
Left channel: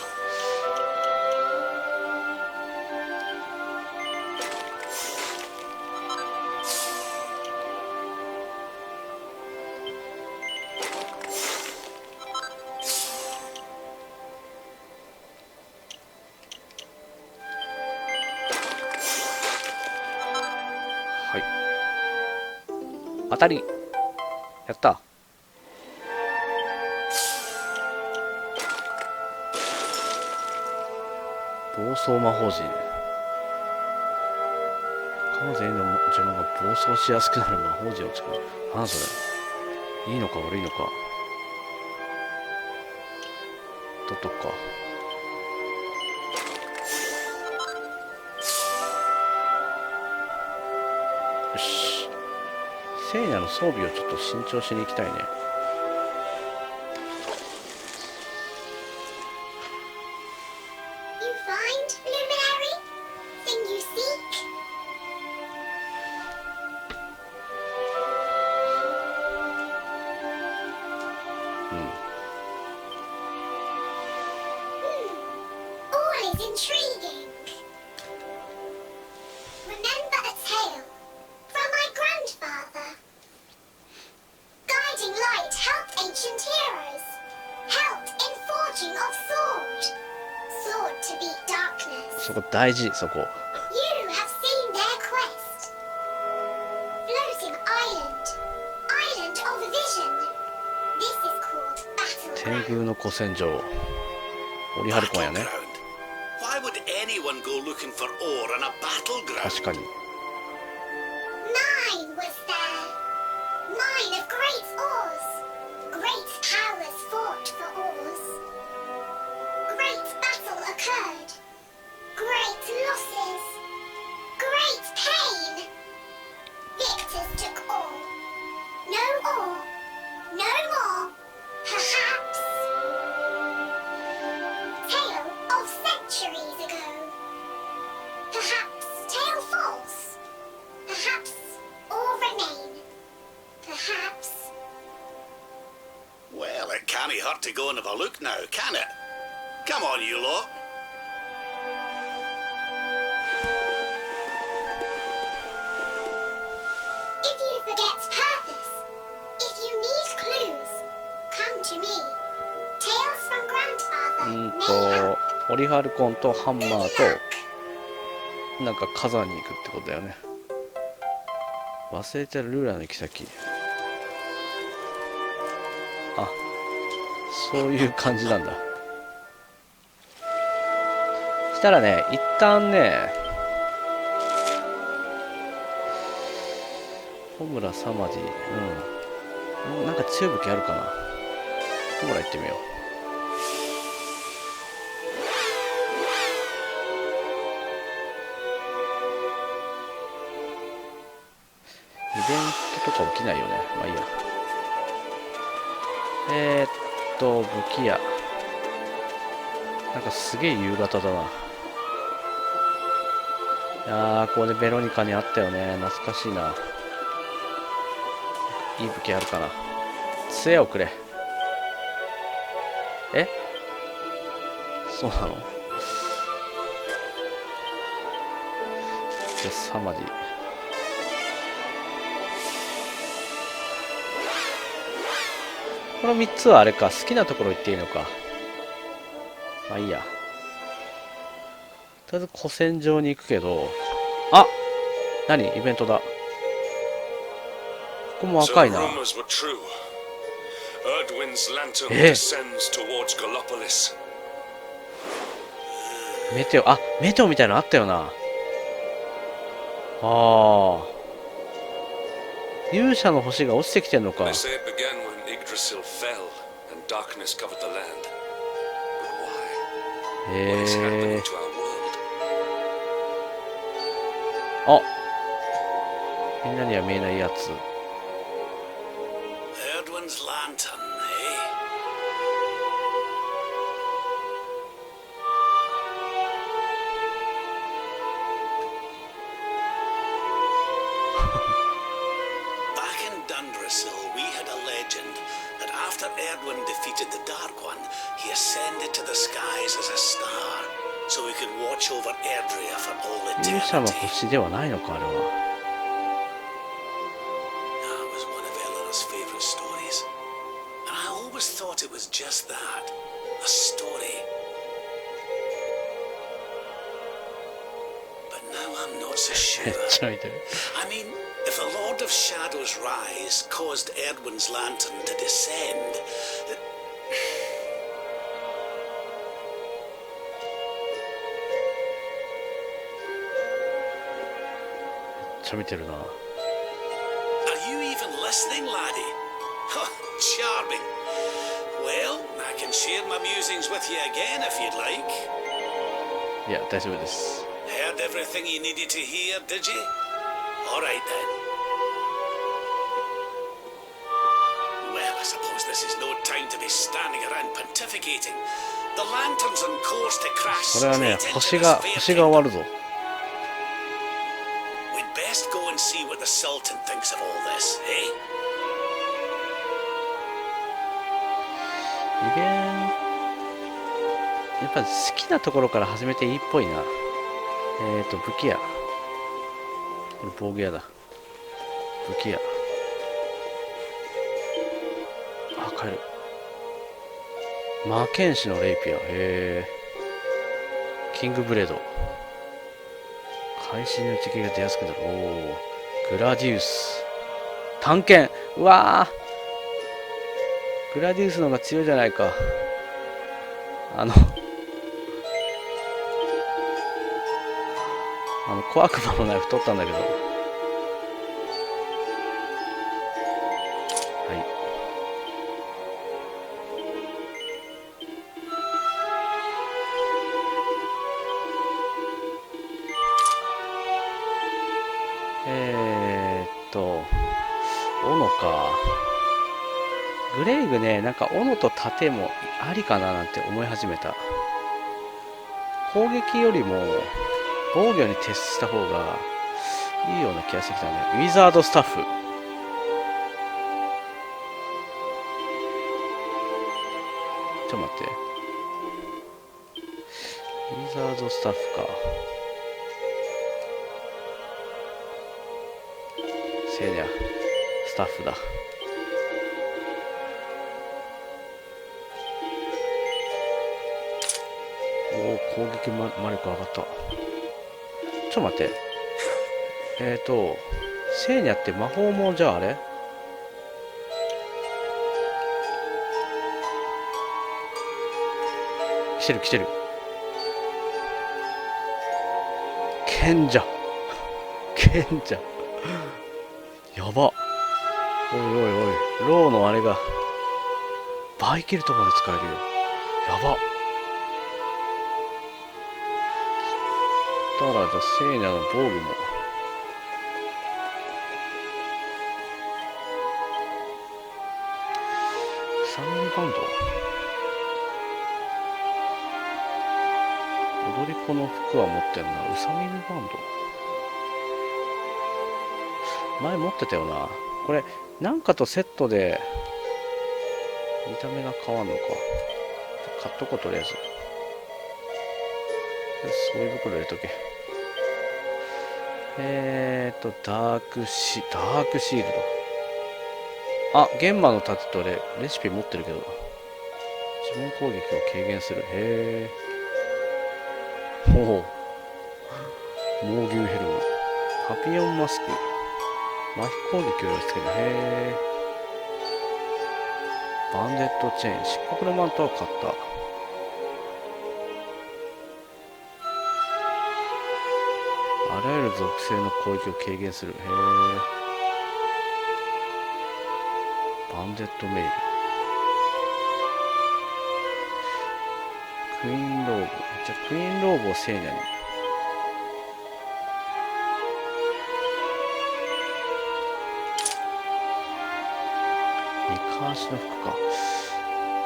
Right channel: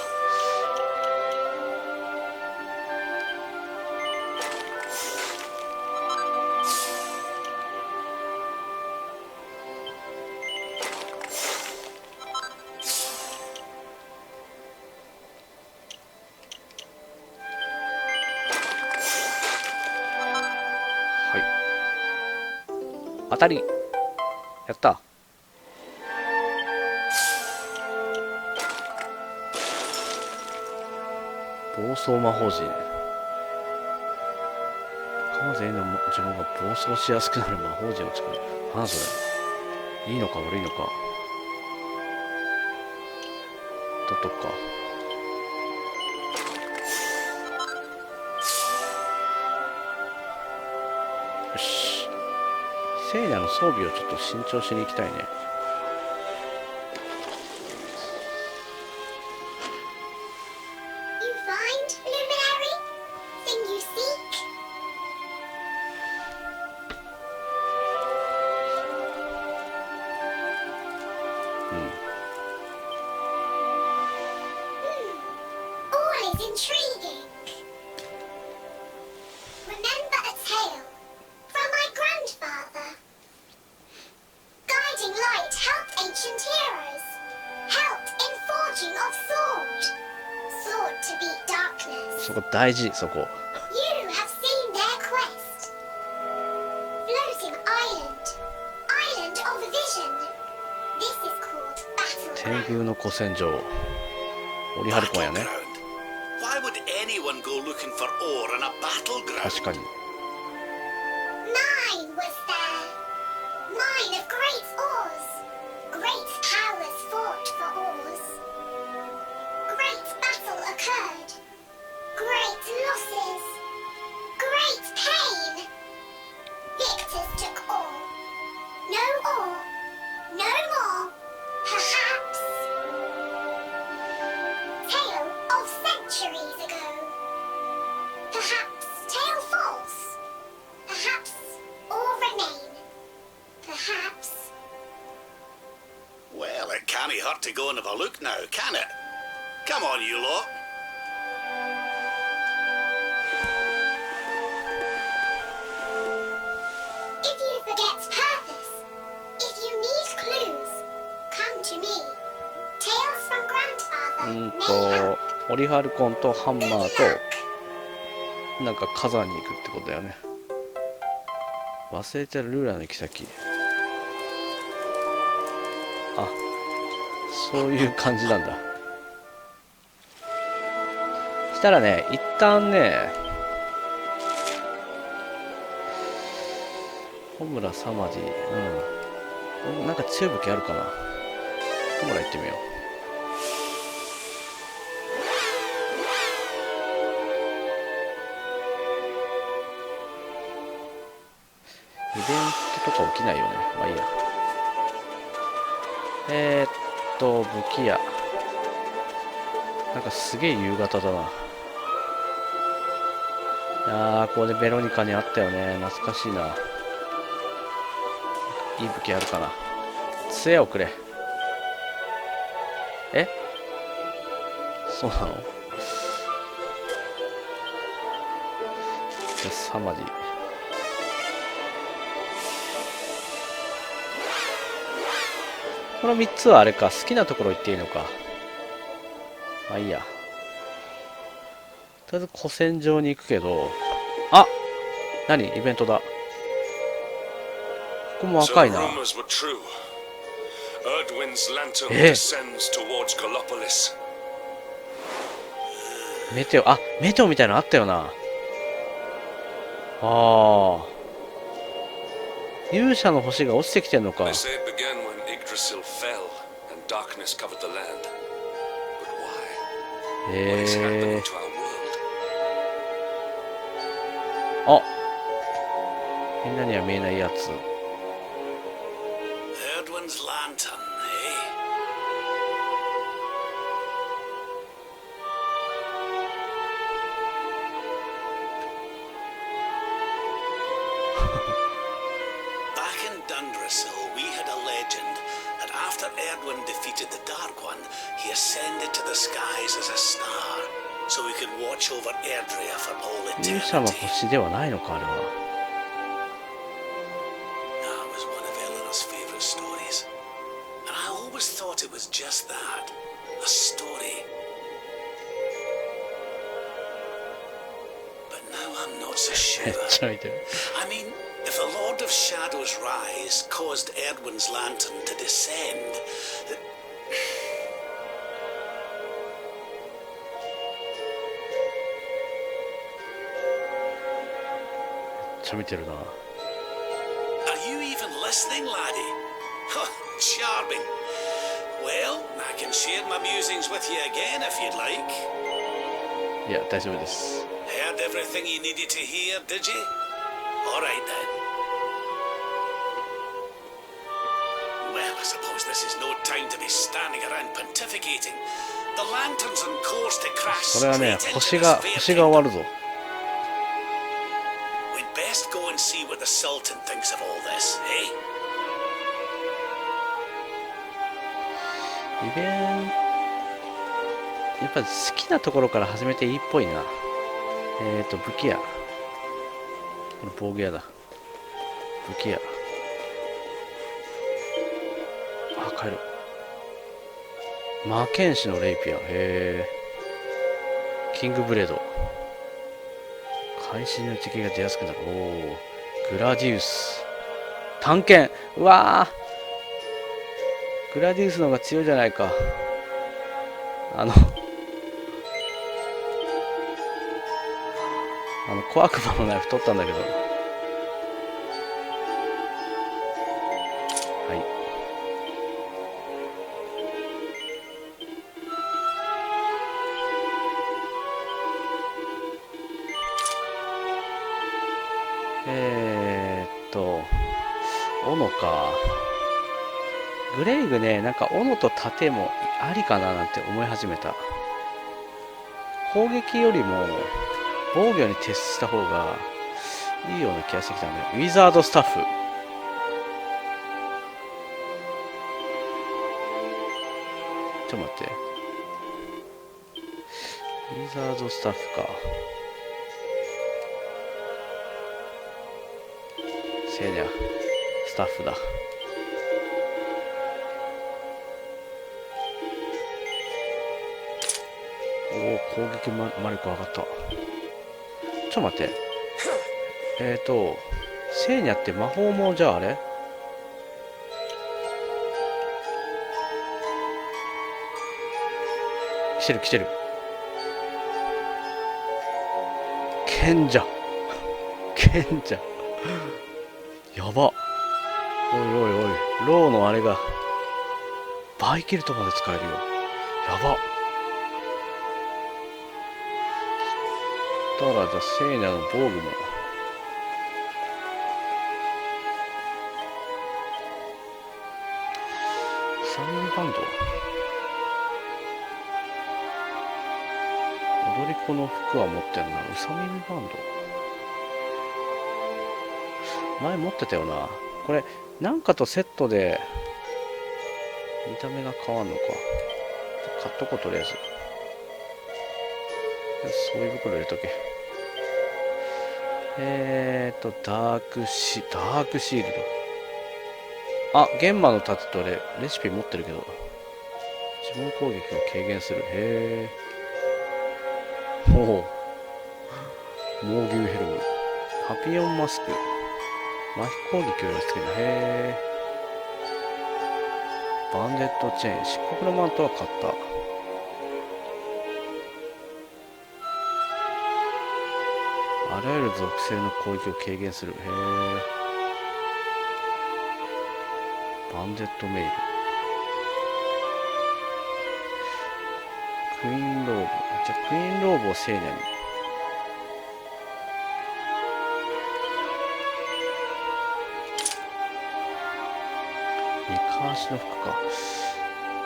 はい。当たり。やった。暴走魔法陣。仲間全員の呪文が暴走しやすくなる魔法陣を作る。なんそれ。いいのか悪いのか。取っとくか。よし。聖夜の装備をちょっと新調しに行きたいね。You find, Luminary? Thing you seek? うん。All is intriguing. Remember a tale from my grandfather. Guiding light helped ancient heroes. Helped in forging of sword. Sword to beat darkness. そこ大事、そこ。You have seen their quest. Floating island. Island of vision. This is called 天 battleground. 狗の古戦場。オリハルコンやね。 Battleground? Why would anyone go looking for ore in a battleground? 確かに。 Mine was there. Mine of great ores. Great powers fought for ores. Great battle occurred. Great losses. Great pain. Victors took all. No ore. No more. Perhaps. Tale of centuries ago. Perhaps tale false. Perhaps all remain. Perhaps. Well, it can't hurt to go and have a look now, can it? Come on, you lot. If you forget purpose, if you need clues, come to me. Tales from grandfather may help. オリハルコンとハンマーとなんか火山に行くってことだよね。忘れてるルーラーの行き先。あ、そういう感じなんだ。したらね、一旦ね、ホムラサマディ、うん、なんか強い武器あるかな。ホムラ行ってみよう。イベントとか起きないよね。まあいいや。武器屋。なんかすげえ夕方だな。いやー、ここでベロニカにあったよね。懐かしいな。いい武器あるかな。杖をくれ。え？そうなの？じゃあサマディ。この3つはあれか、好きなところ行っていいのか。まあいいや。とりあえず古戦場に行くけど、あ、何？イベントだ。ここも赤いな。メテオ、あ、メテオみたいなのあったよな。ああ。勇者の星が落ちてきてんのか。へえ。あ、みんなには見えないやつ。Erdwin's lantern, eh? Back in Dundrasil, we had a legend that after Erdwin defeated the Dark One, he ascended to the skies as a star, so he could watch over Erdrea for all 勇者の eternity. 星ではないのか、あれは。That was one of Eleanor's favorite stories. And I always thought it was just that, a story. But now I'm not so めっ sure. ちゃ見てる。 I mean, if the Lord of Shadow's rise caused Erdwin's lantern to descend, ちゃ見てるな。Are you even listening, laddie? Charming. Well, I can share my musings with you again if you'd like. いや、大丈夫です。Heard everything you needed to hear, did you? All right then. Well, I suppose this is no time to be standing around pontificating. The lantern's on course to crash それはね、 straight into 星 the が spare 終わ kingdom. るぞ。We'd best go and see what the Sultan thinks of all this, eh? イベンやっぱり好きなところから始めていいっぽいな。武器屋。これ防具屋だ。武器屋。あ、帰る。魔剣士のレイピア。へえ。キングブレード。会心の敵が出やすくなる。おお。グラディウス。探検。うわー。グラディウスの方が強いじゃないか。小悪魔のナイフ取ったんだけど。はい。斧か。グレイグね、なんか斧と盾もありかななんて思い始めた。攻撃よりも防御に徹した方がいいような気がしてきたね。ウィザードスタッフ。ちょっと待って。ウィザードスタッフか。せいにゃ、スタッフだ。おお、攻撃魔力上がった。ちょっと待って。セーニャって魔法もじゃああれ来てる来てる。賢者。賢者。やば。おいおいおい。ローのあれが。バイキルトまで使えるよ。やば。たらじゃあセーニャの防具もサミミバンド踊り子の服は持ってんな。ウサミミバンド前持ってたよな。これなんかとセットで見た目が変わんのか。買っとこうとりあえず。そういう袋入れとけ。ダークシールド。あ、玄魔の盾とレシピ持ってるけど。呪文攻撃を軽減する。へえ。ほう。猛牛ヘルム。パピオンマスク。麻痺攻撃を寄せつける。へえ。バンデッドチェーン。漆黒のマントは買った。あらゆる属性の攻撃を軽減する。へえ。バンデッドメイル。クイーンローブ。じゃあクイーンローブをセーニャに。三日足の服か。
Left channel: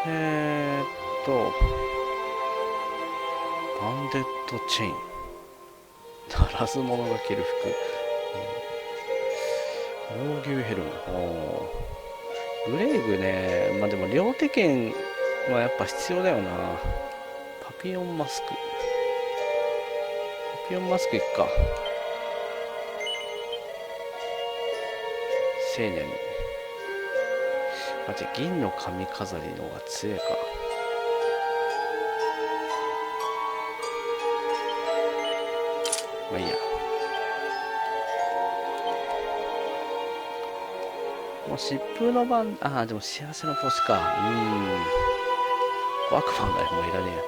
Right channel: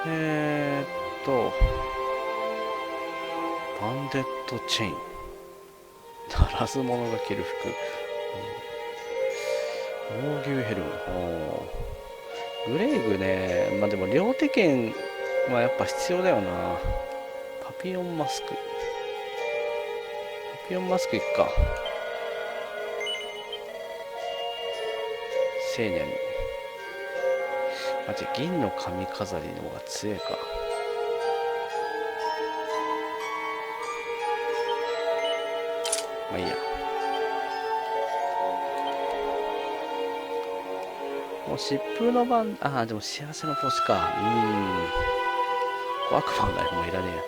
バンデッドチェイン。ならず者が着る服。猛牛ヘルム。グレイグね。まあでも両手剣はやっぱ必要だよな。パピオンマスク。パピオンマスクいっか。セーニャに。待って、銀の髪飾りの方が強いか。まあいいや。もう疾風の番、ああ、でも幸せの帽子か。悪魔がもういらねえ。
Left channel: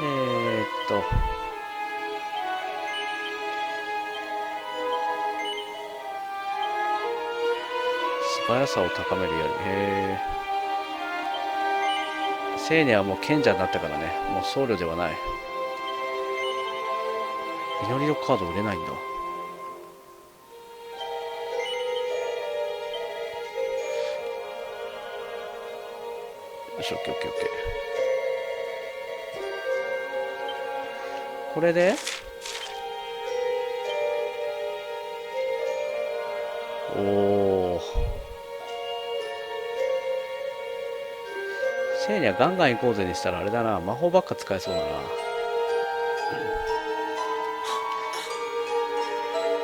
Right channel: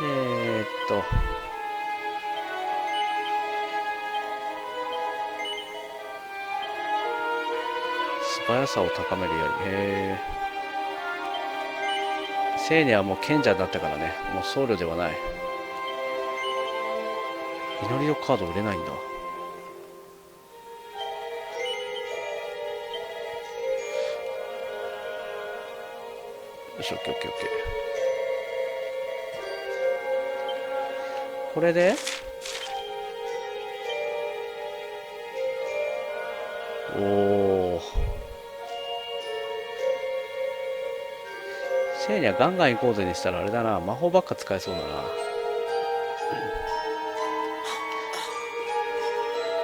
素早さを高める槍。セイニャはもう賢者になったからね、もう僧侶ではない。祈りのカード売れないんだ。よし、オッケーオッケーオッケー。これでおお、セイニャガンガン行こうぜにしたらあれだな、魔法ばっか使えそうだな。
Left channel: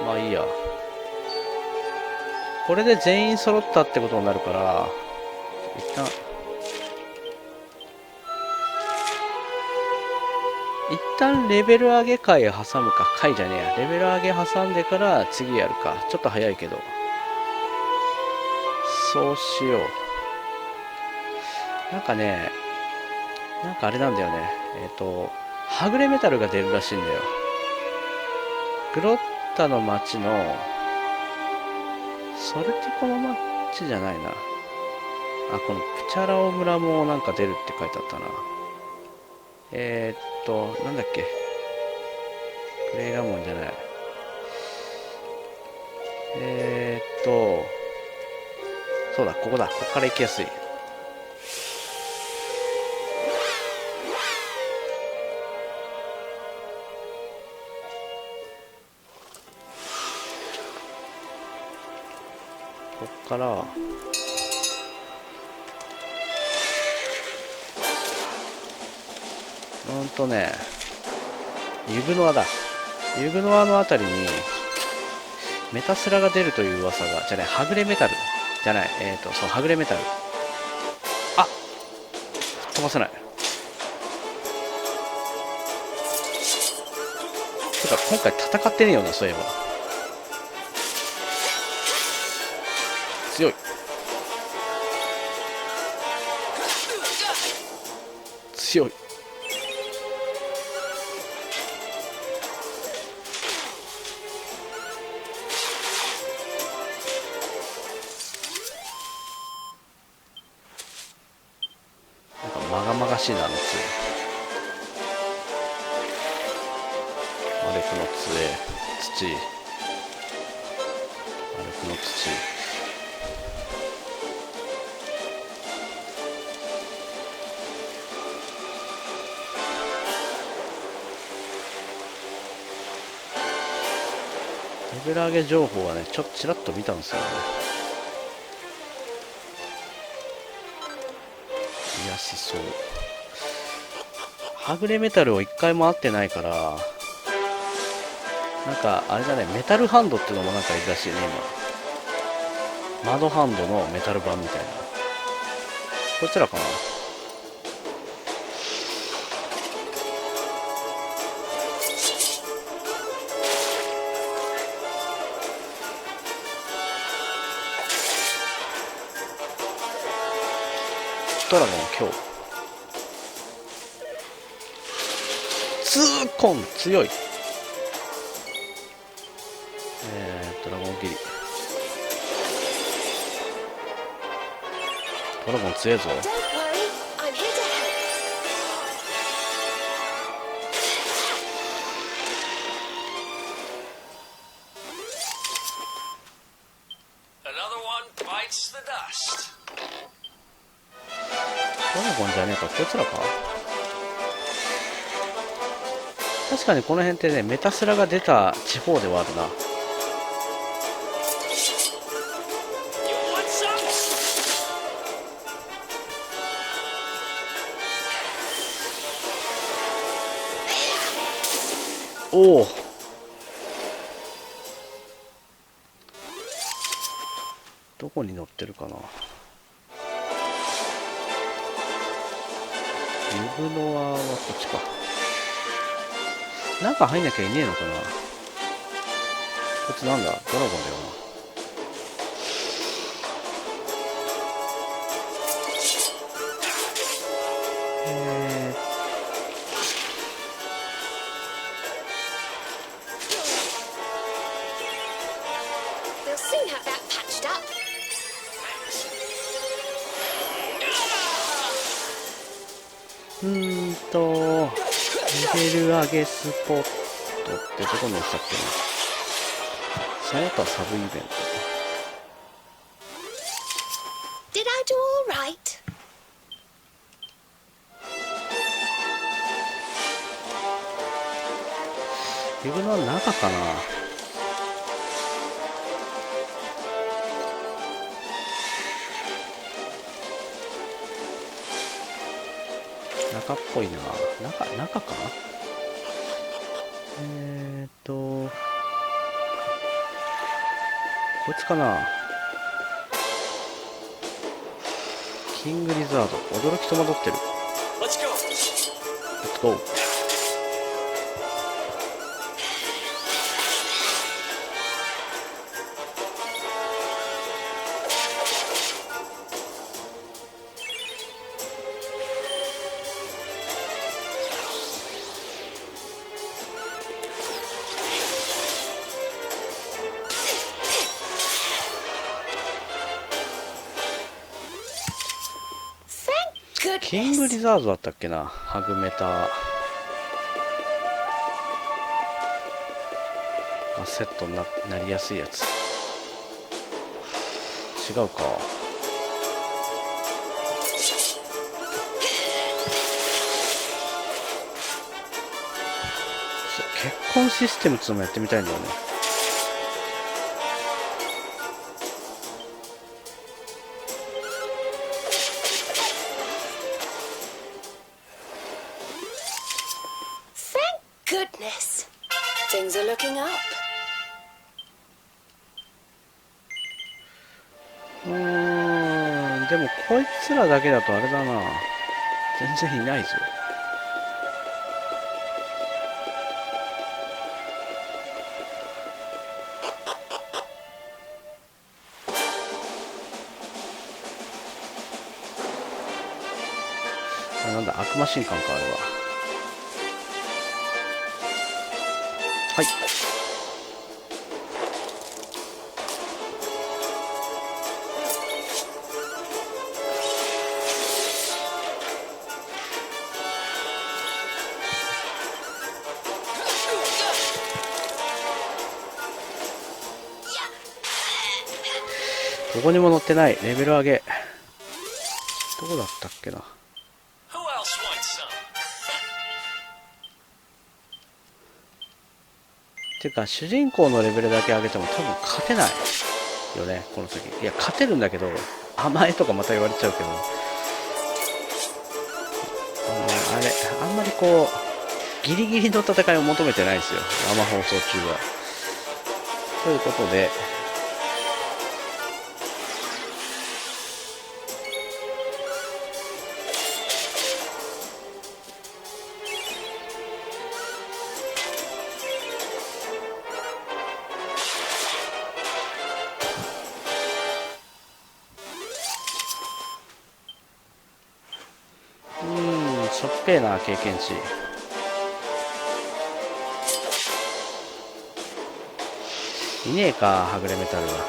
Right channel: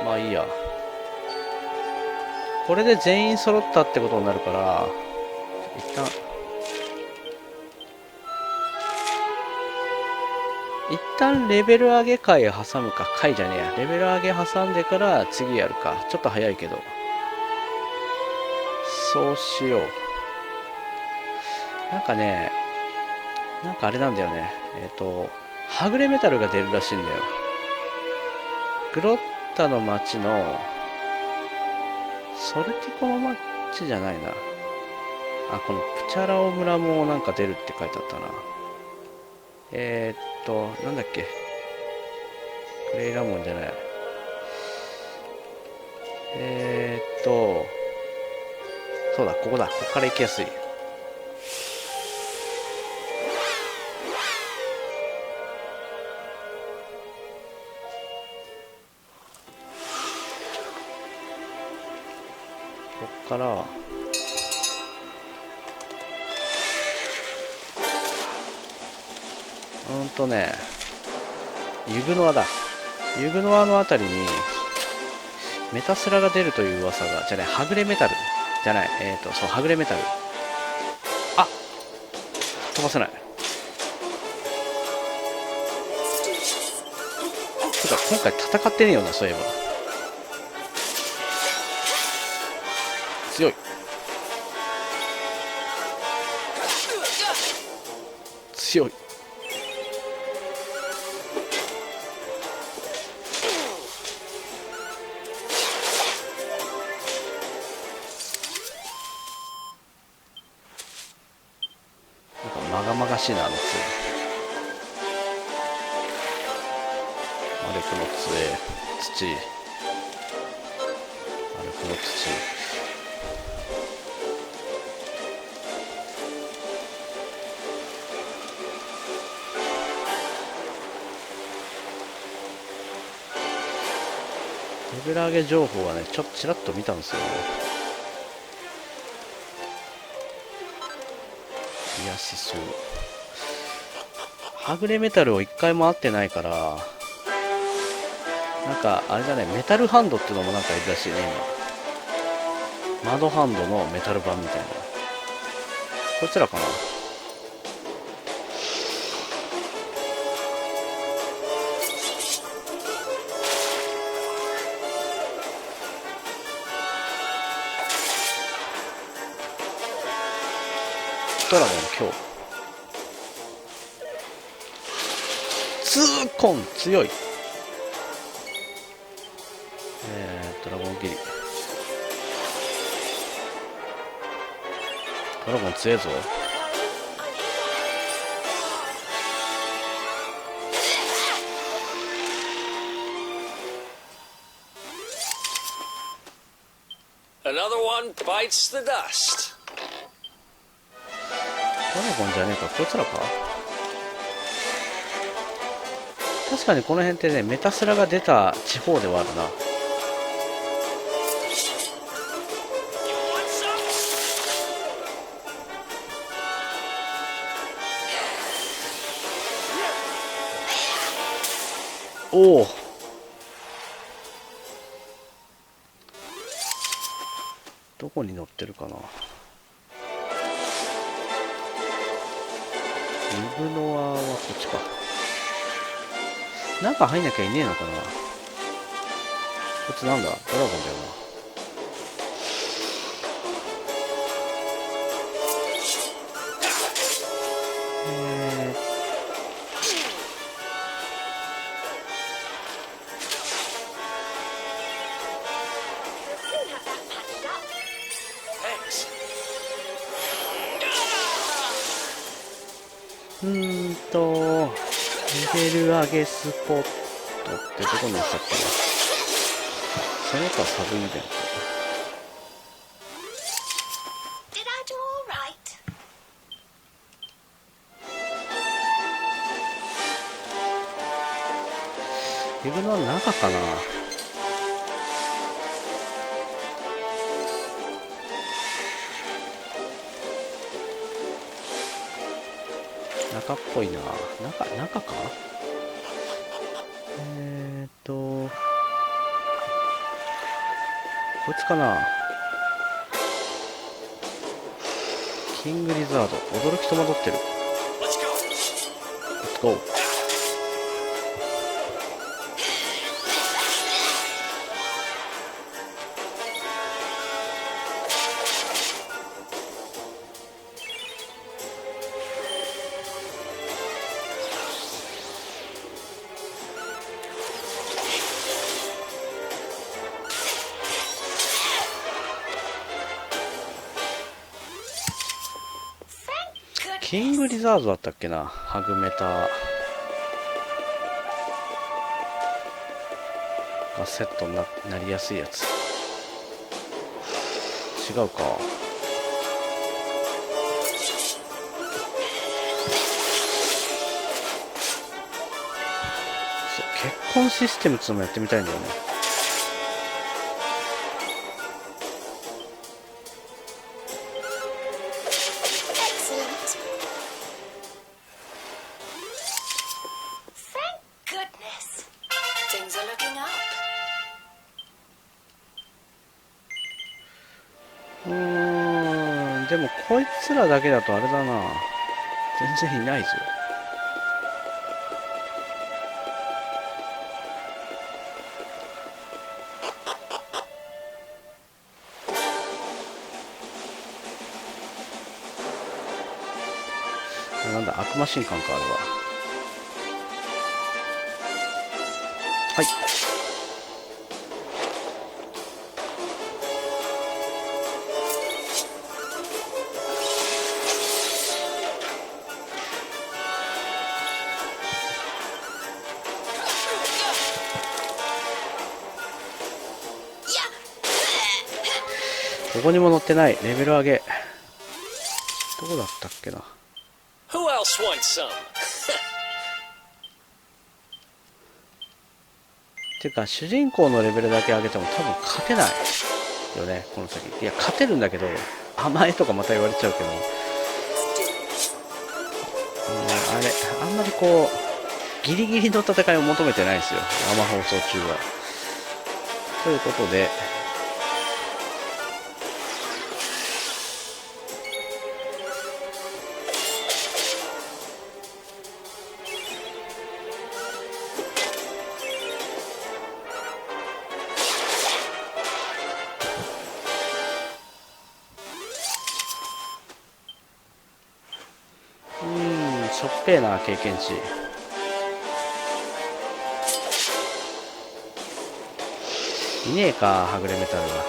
まあいいや。これで全員揃ったってことになるから一旦レベル上げ回挟むか。回じゃねえや、レベル上げ挟んでから次やるか。ちょっと早いけどそうしよう。なんかね、なんかあれなんだよね。はぐれメタルが出るらしいんだよ。グロッタの町のソルティコの町じゃないな。あ、このプチャラオ村もなんか出るって書いてあったな。なんだっけ。クレイラモンじゃない。そうだ、ここだ。ここから行きやすい。こっからユグノアだ。ユグノアのあたりにメタスラが出るという噂が、じゃね、はぐれメタルじゃない、そう、はぐれメタル。あ、飛ばせない。てか今回戦ってねえよな、そういえば。強い。強い。なんかまがまがしいな、あの杖。魔力の杖、土。魔力の土。レベル上げ情報はね、ちょっとちらっと見たんですよね。いやしそう。はぐれメタルを一回も会ってないから、なんかあれだね、メタルハンドっていうのもなんかいるらしいね、今。マドハンドのメタル版みたいな。こいつらかな。ドラゴン今日ツーコン強い。ドラゴンギリ。ドラゴン強えぞ。ドラゴンじゃねえか、こいつらか。確かにこの辺ってね、メタスラが出た地方ではあるな。おお、どこに乗ってるかな。ユグノアはこっちか。中入んなきゃいねえのかな。こいつなんだ、ドラゴンだよな。Patched up. Thanks. レベル上げスポットってどこにしたっけな。その他サブイベント。Did I do all right? リグの中かな。中っぽいな。中か。こいつかな。キングリザード、驚き戸惑ってる。 Let's go. Let's go。キングリザードだったっけな。ハグメタがセットに なりやすいやつ。違うか。そう、結婚システムっていうのもやってみたいんだよね。Things are looking up. でもこいつらだけだとあれだな。全然いないぞ。あ、なんだ、悪魔神官か、あれは。はい。どこにも載ってない。レベル上げ。どこだったっけな。Who else wants some? てか主人公のレベルだけ上げても多分勝てないよね、この先。いや、勝てるんだけど、甘えとかまた言われちゃうけど、あれ、あんまりこうギリギリの戦いを求めてないんですよ、生放送中は。ということで、しょっぺーな経験値。いねえか、はぐれメタルが。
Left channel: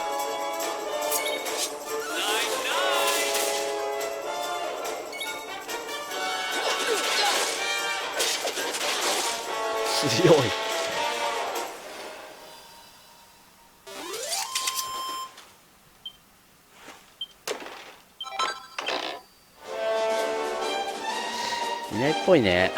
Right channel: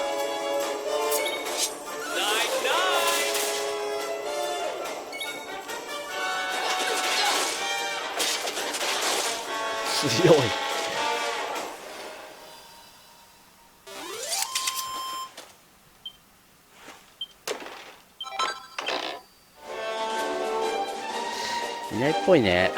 強い。いないっぽいね。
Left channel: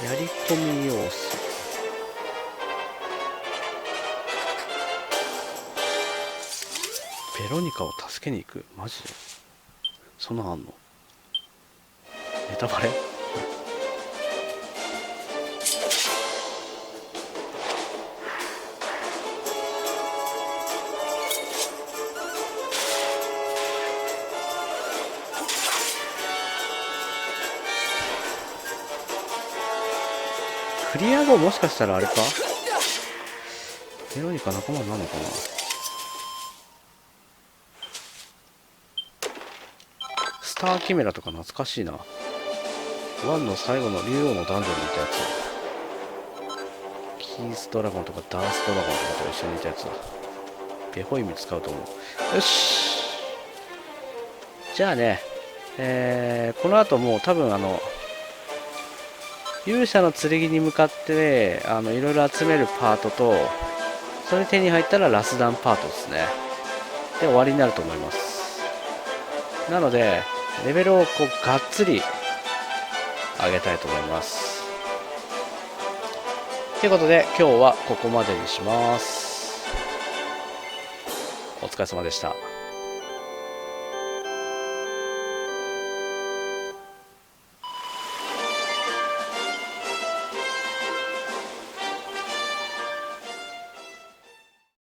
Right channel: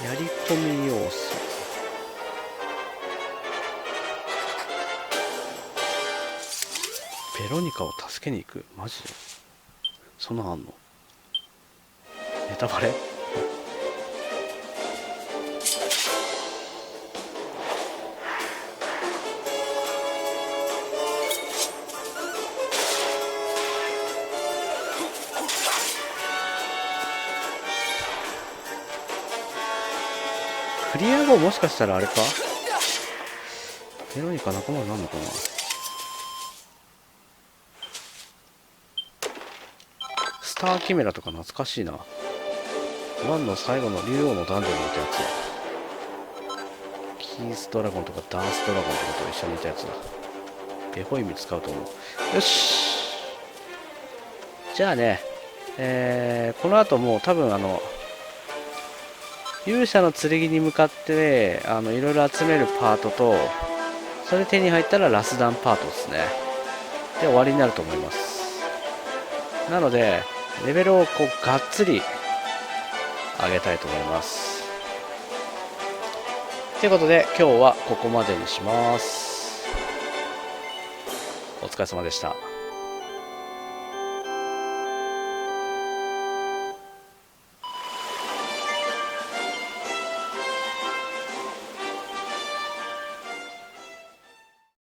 やり込み要素。ベロニカを助けに行く。マジでそんなんあんの？ネタバレ？クリア後もしかしたらあれか、ベロニカ仲間になるのかな。スターキメラとか懐かしいな。1の最後の竜王のダンジョンにいたやつだ。キースドラゴンとかダースドラゴンとかと一緒にいたやつだ。ベホイミ使うと思う。よし、じゃあね、この後もう多分勇者の剣に向かっていろいろ集めるパートと、それ手に入ったらラスダンパートですね。で終わりになると思います。なのでレベルをこうがっつり上げたいと思います。ということで今日はここまでにします。お疲れ様でした。